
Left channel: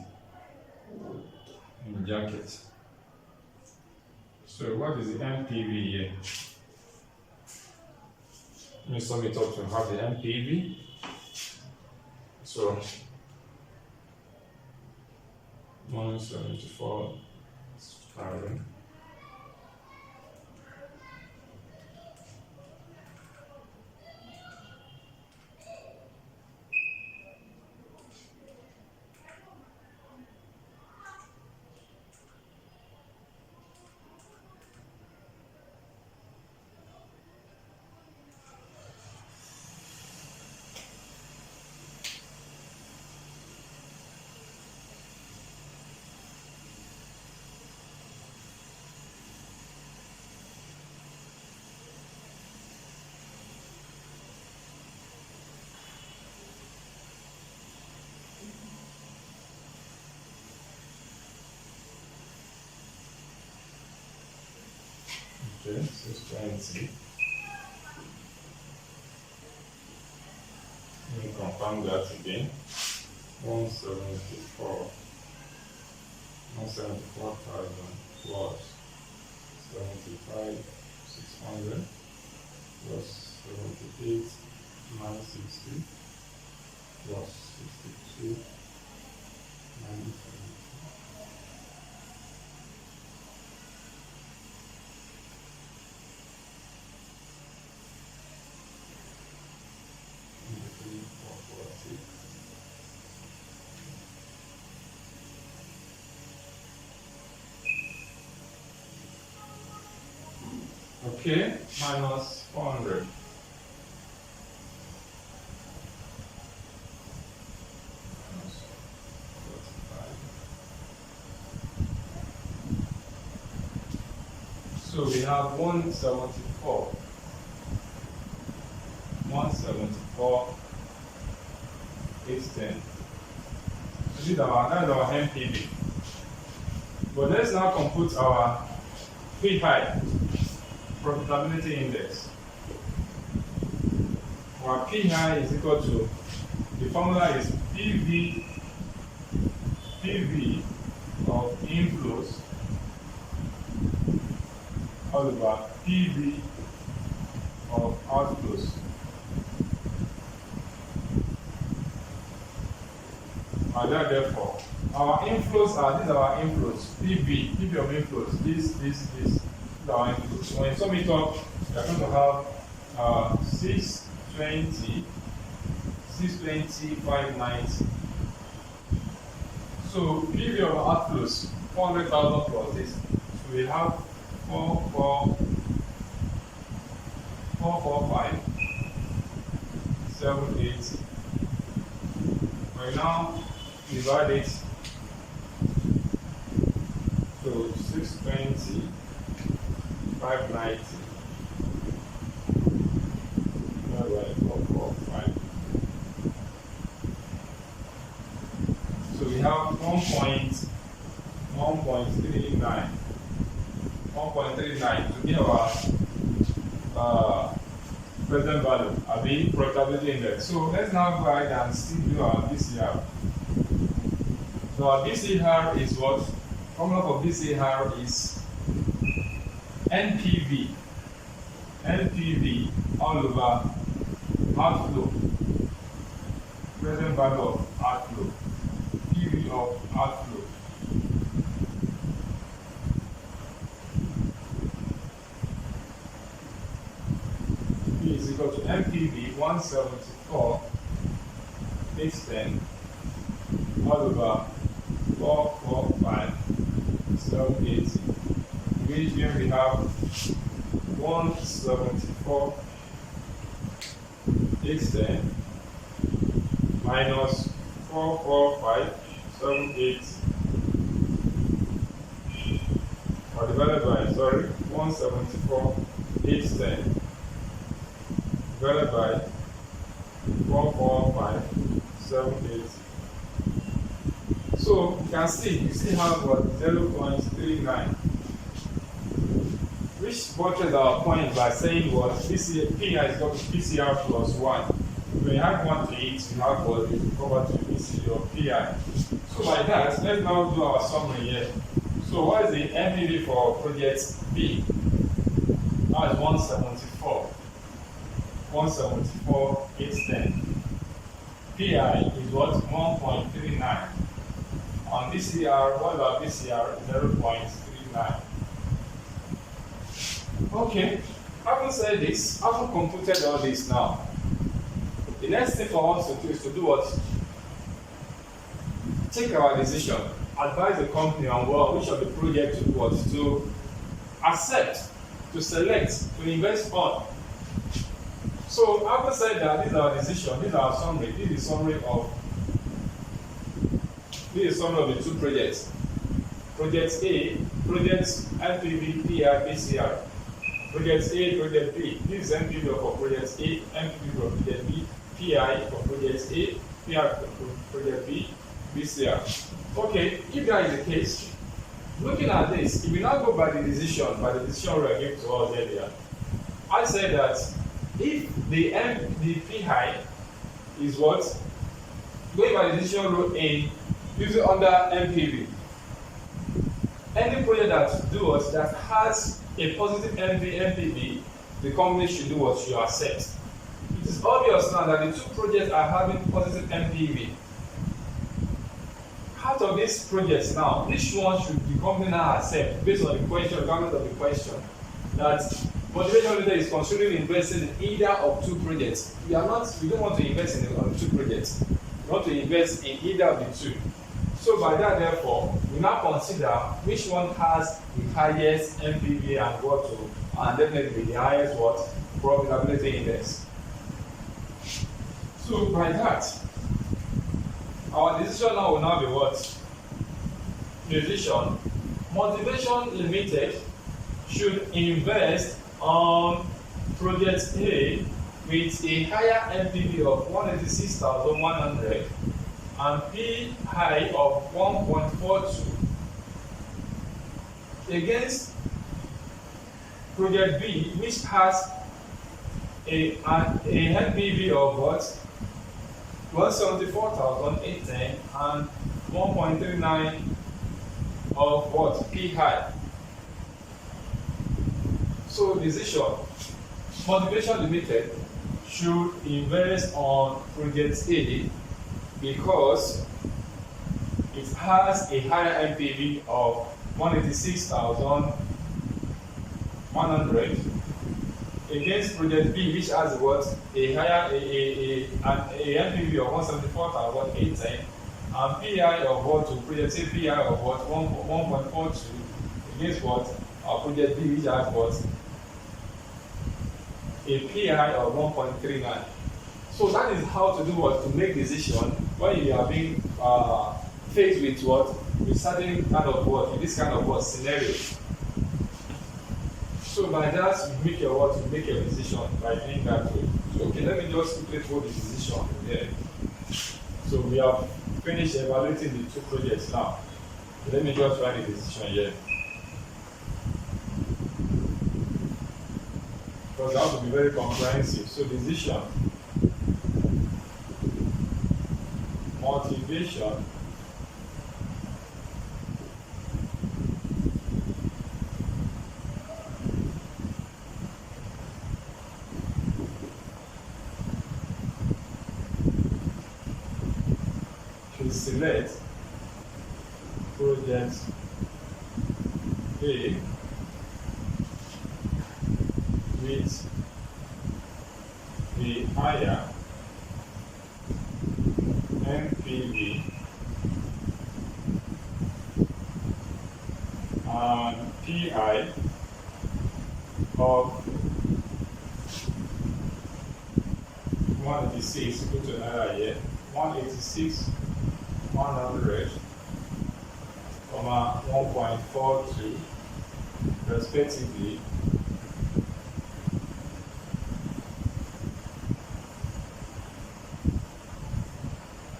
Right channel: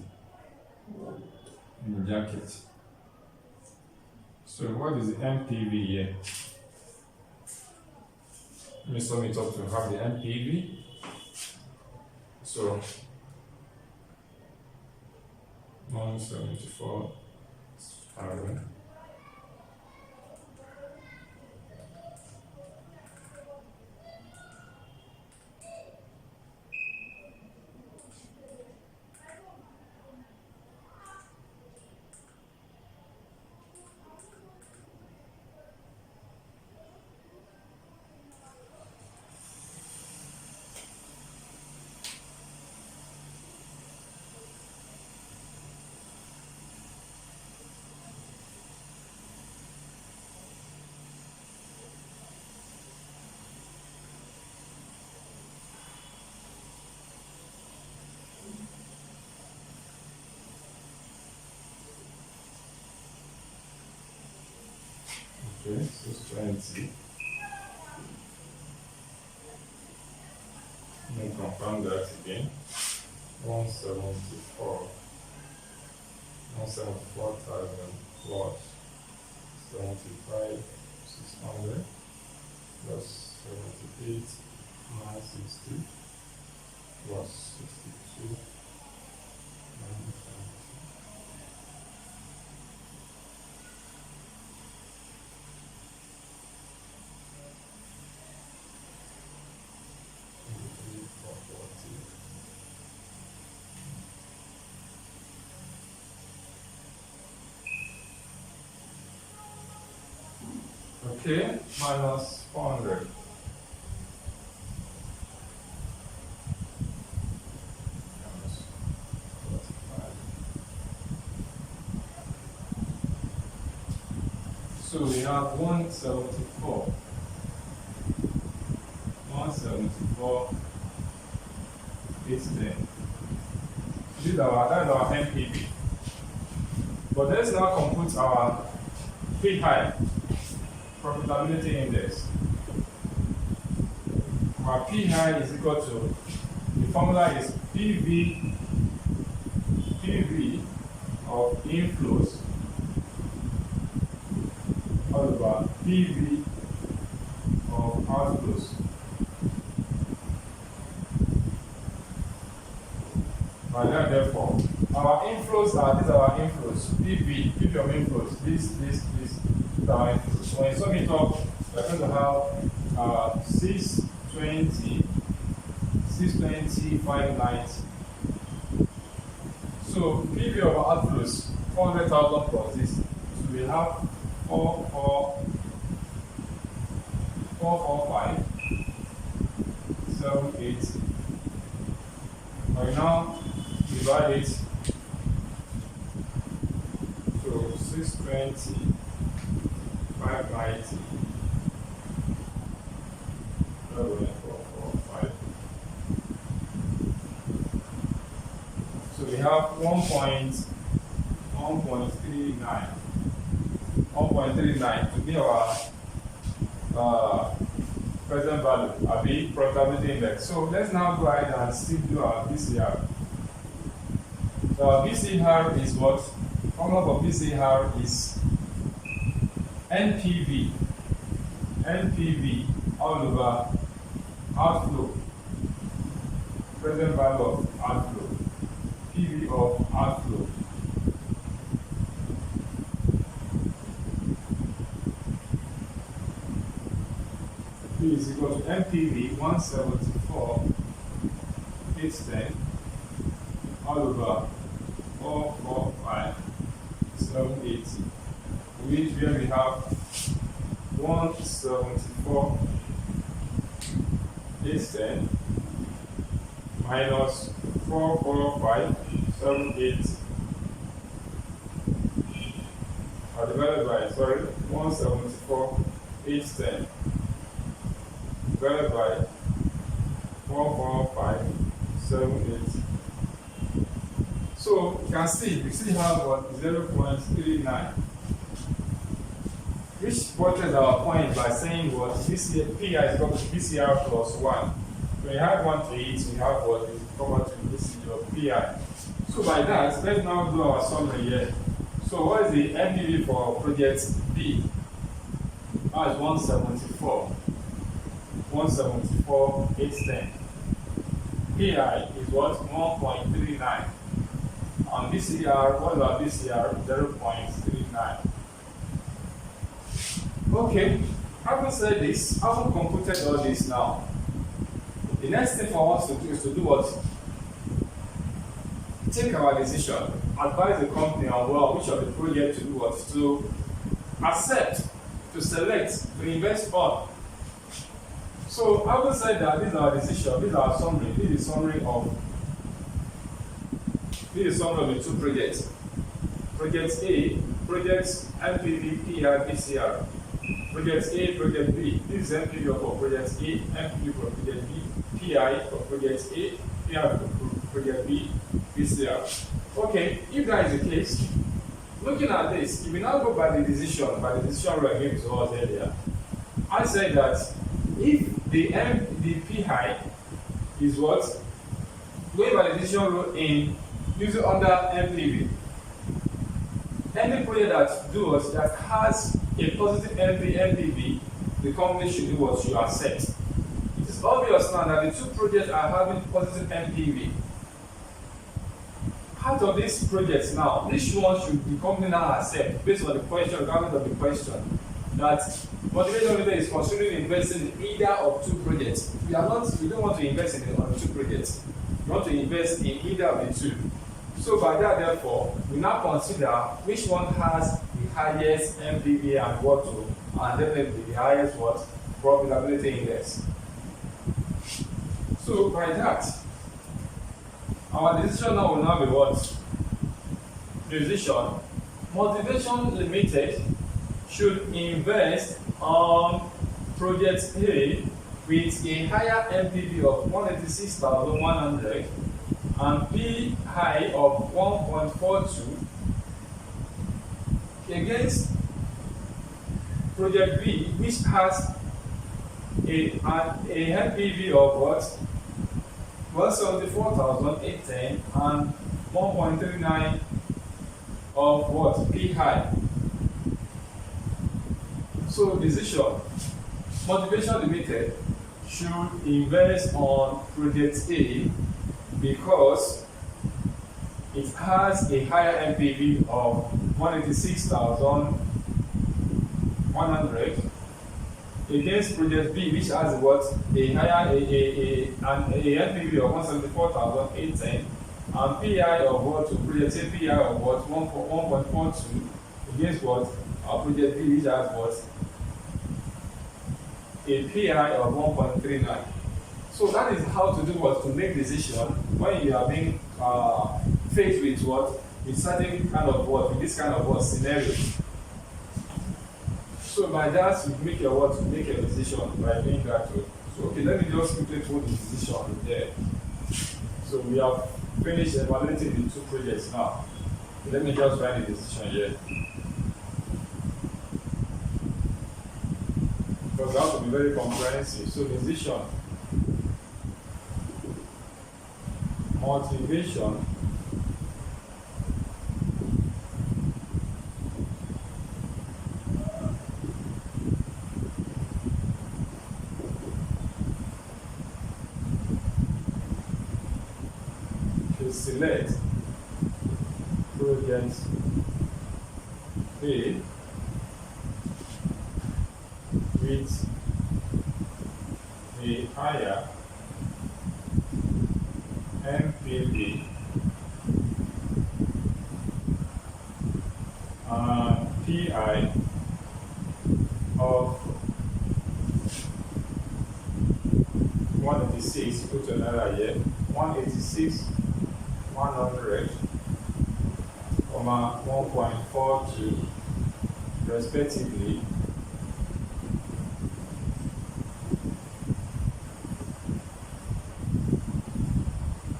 in jacket. So what is the NPV here? Let me sum it up to have the NPV. So 174,000. Okay, 620. Let me confirm that again. 174,000 plus 75,600 plus 78,960 plus 62,970. Okay, minus 400. Minus 45. So we have 174. 174, 810. That's our NPV. But let's now compute our PI, Profitability Index. Our PI is equal to, the formula is PV of inflows all over PV of outflows. Therefore, our inflows these are our inflows. PV of inflows. This is our inflows. When you sum it up, you're going to have 620, 590. So PV of outflows, 400,000 plus this. So we have 445, 780. Right now, divide it to 620, 590. 445. So we have 1.39 to be our present value, profitability index. So let's now go ahead and still do our BCR. So our BCR is what? Formula for BCR is NPV all over outflow, present value of outflow, PV of outflow. P is equal to NPV 174,810 all over 445,780. Which here we have 174,810 minus 445,780 or divided by 174,810 divided by 445,780. So you can see we still have what 0.39, which portrays our point by saying what PI is equal to PCR plus 1. When you have 1 to it, we have what we cover to BC of PI. So by that, let's now do our summary here. So what is the NPV for project B? Now it's 174,810. PI is what? 1.39. On BCR, what is our BCR? 0.39. Okay, having said this, having computed all this now, the next thing for us to do is to do what? Take our decision, advise the company on which of the projects to do what? To accept, to select, to invest on. So, having said that, this is our decision, this is our summary, this is summary of the two projects. Project A, project NPV, PI, BCR. Project A, project B. This is NPV for project A, NPV for project B, PI for project A, PI for project B, BCR. Okay, if that is the case, Looking at this, if we now go by the decision rule I gave to us earlier, I said that if the PI is what? Going by the decision rule in using under NPV, any project that has a positive NPV, the company should do what you accept. It is obvious now that the two projects are having positive NPV. Out of these projects now, which one should the company now accept based on the question, regardless of the question, that motivation leader is considering investing in either of two projects. We don't want to invest on two projects. We want to invest in either of the two. So by that, therefore, we now consider which one has the highest NPV and definitely the highest profitability index. So by that, our decision now will now be what? Decision. Motivation Limited should invest on project A with a higher NPV of 186,100 and PI of 1.42 against project B, which has a NPV of what? 174,810 and 1.39 of what? PI. So decision. Motivation Limited should invest on project A because it has a higher NPV of 186,100 against project B, which has what? A higher NPV of 174,810 and PI of what? To project A PI of what? 1.42 against what? Our project B, which has what? A PI of 1.39. So that is how to do what? To make decision when you are being faced with what? With certain kind of what? In this kind of what? Scenario. So by that, you make your what? You make a decision by doing that way. So okay, let me just quickly put the decision in there. So we have finished evaluating the two projects now. So let me just write the decision here. Because that will be very comprehensive. So decision, motivation, to select project A with the higher NPV and PI of 186, put another here, 186, 100, 1.42 respectively,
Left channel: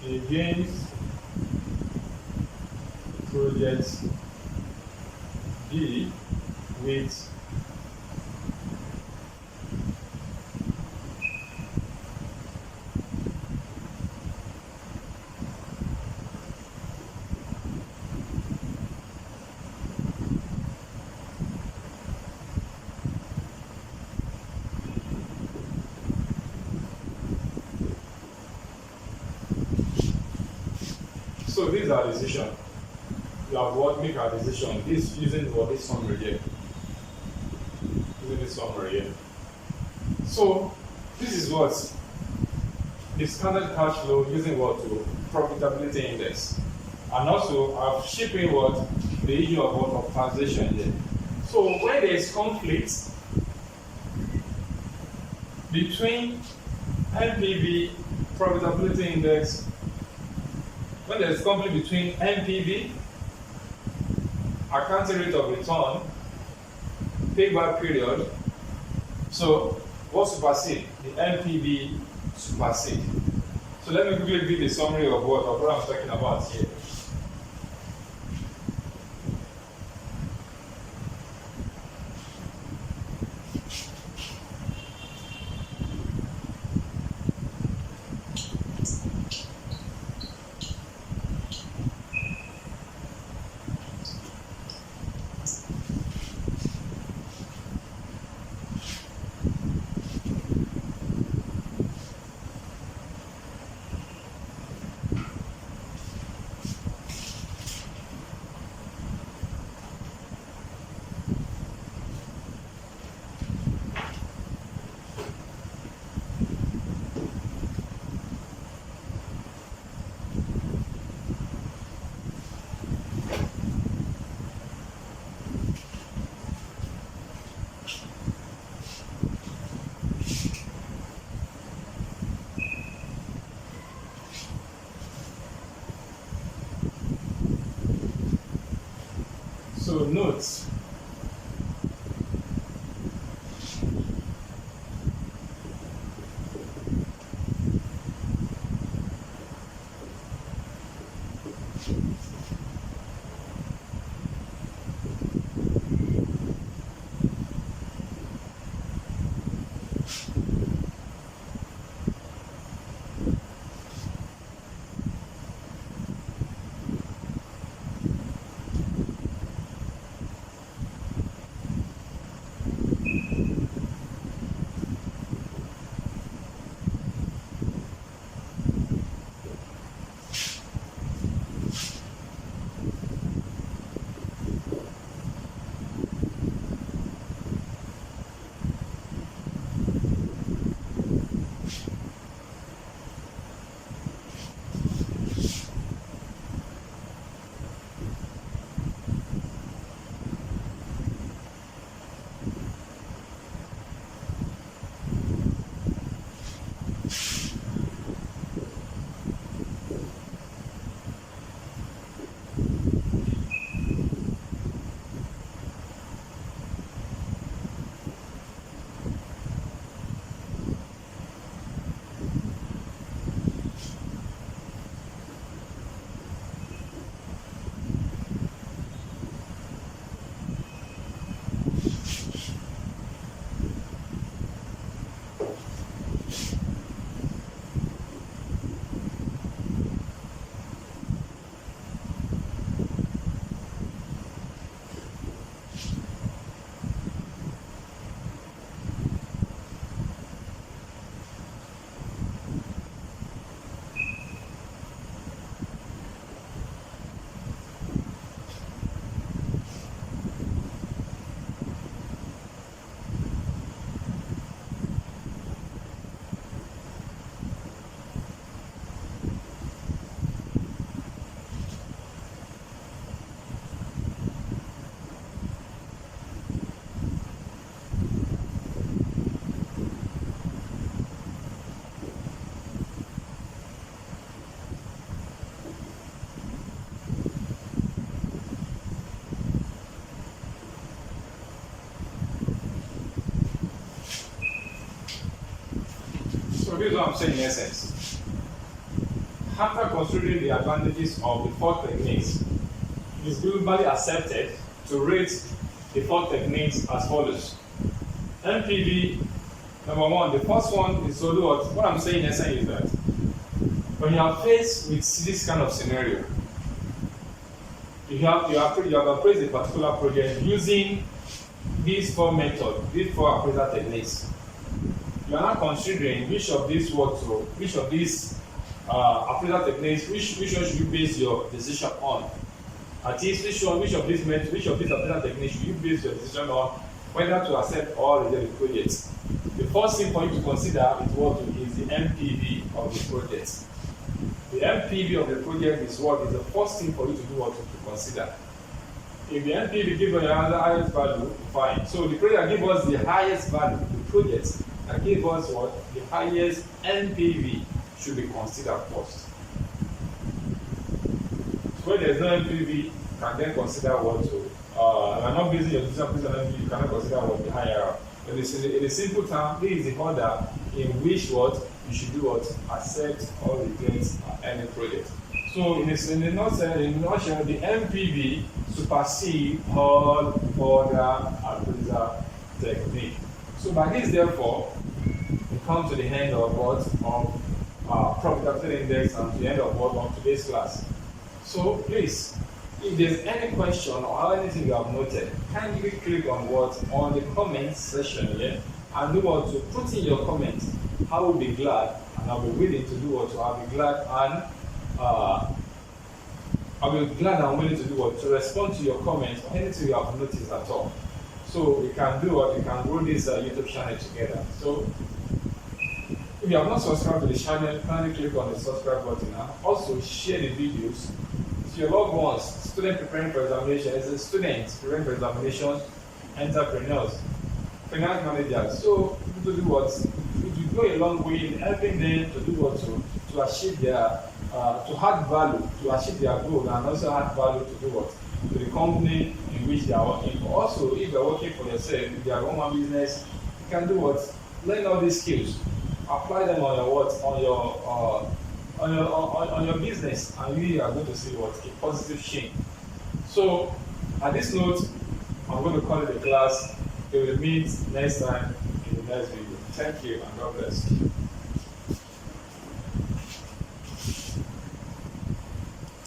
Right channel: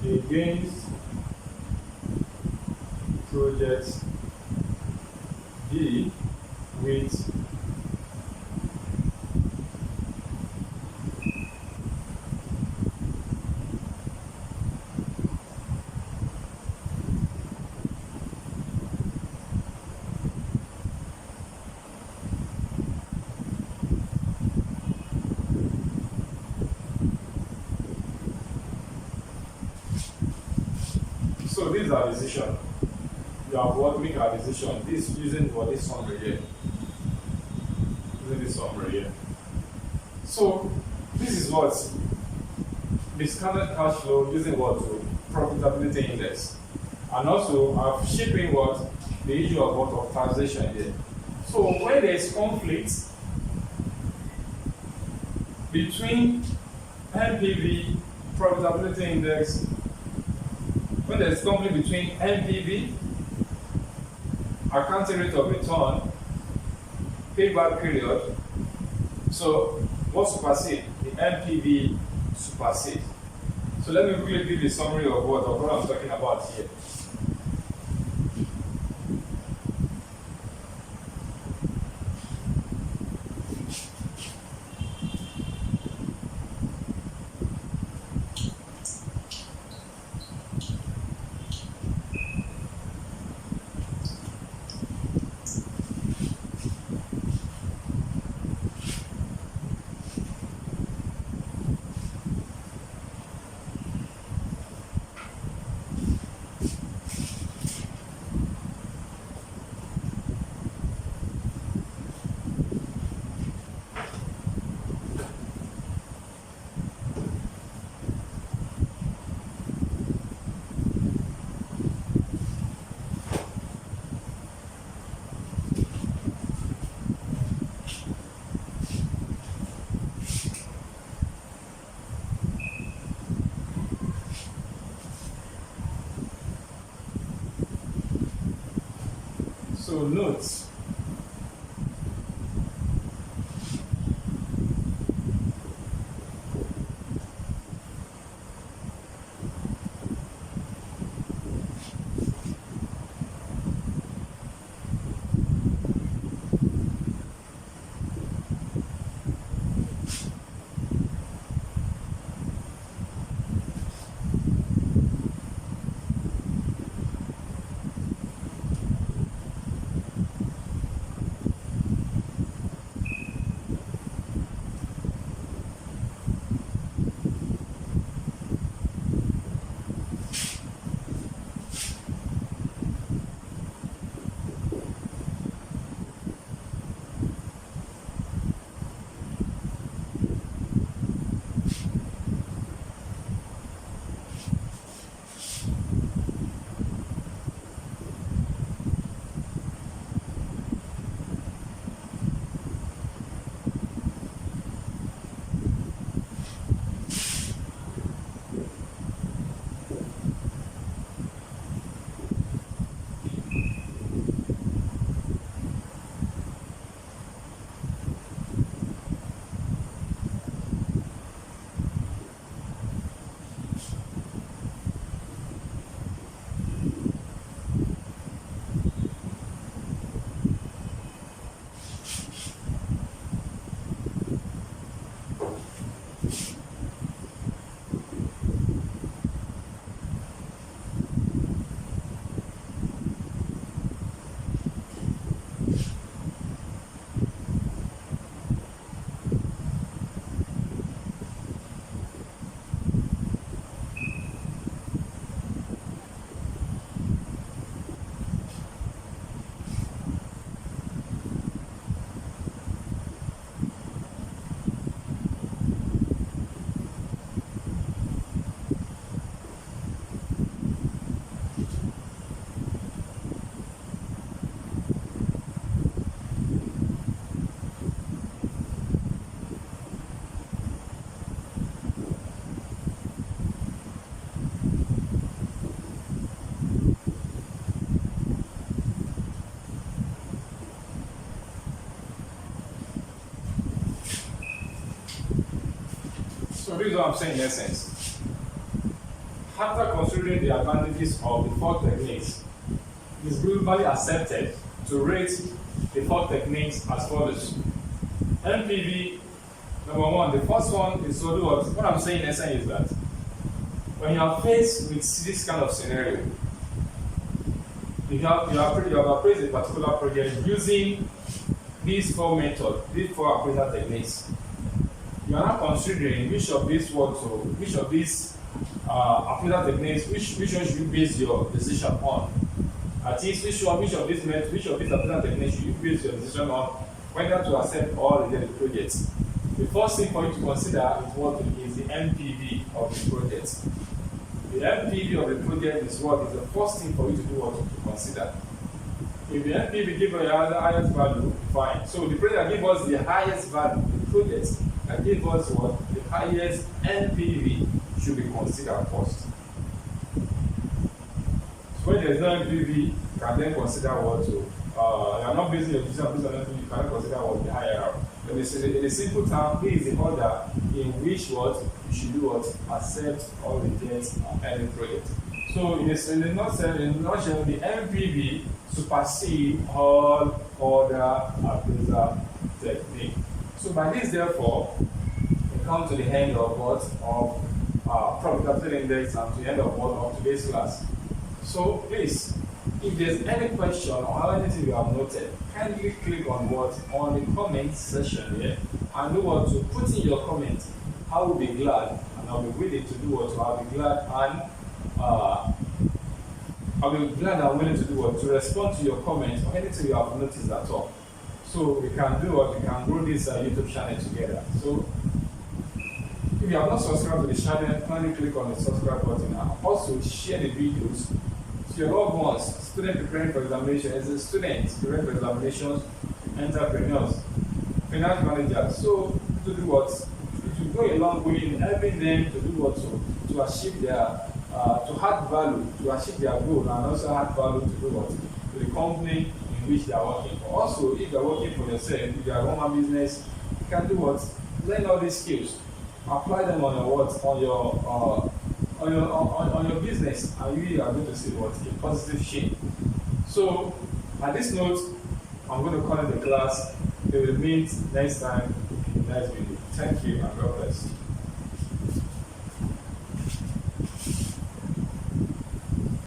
against project B with So this is our decision. You have what? Make our decision. This using what? This summary here. Using this summary here. So this is what? The standard cash flow using what? To profitability index. And also I've shipping what? The issue of what? Of taxation here. So when there is conflict between NPV, profitability index, when there is conflict between NPV, accounting rate of return, payback period, so what supersede? The NPV supersede. So let me quickly give the summary of what I'm talking about here. So note, so this is what I'm saying in essence. After considering the advantages of the four techniques, it is globally accepted to rate the four techniques as follows. NPV, number one, the first one is to do what I'm saying in essence is that when you are faced with this kind of scenario, you have appraised a particular project using these four methods, these four appraisal techniques. You are now considering which of these appraisal techniques, which one should you base your decision on? At least which of these appraisal techniques should you base your decision on whether to accept or reject the project? The first thing for you to consider is the NPV of the project. The NPV of the project is the first thing for you to do to consider. If the NPV gives you the highest value, fine. So the project that gives us the highest value, the project that gives us the highest NPV should be considered first. So when there is no NPV, you can then consider you are not basing your decision based on NPV, you cannot consider the higher. But in a simple term, this is the order in which you should do accept or reject any project. So in a nutshell, the NPV supersedes all other appraisal technique. So by this, therefore, we come to the end of Profitability Index and to the end of today's class. So please, if there's any question or anything you have noted, kindly click on the comment section here and do to put in your comment. I will be glad and I'll be willing to do I'll be glad and willing to do to respond to your comments or anything you have noticed at all. So we can do we can grow this YouTube channel together. So if you have not subscribed to the channel, kindly click on the subscribe button and also share the videos to your loved ones, students preparing for examinations, students preparing for examinations, entrepreneurs, finance managers. So to do it will go a long way in helping them to do to achieve their to add value, to achieve their goal, and also add value to the company in which they are working for. Also, if you are working for yourself, if you are one-man business, you can do what? Learn all these skills, apply them on your what? On your business, and you are going to see what? A positive change. So, at this note, I'm going to call it a class. We will meet next time in the next video. Thank you and God bless you.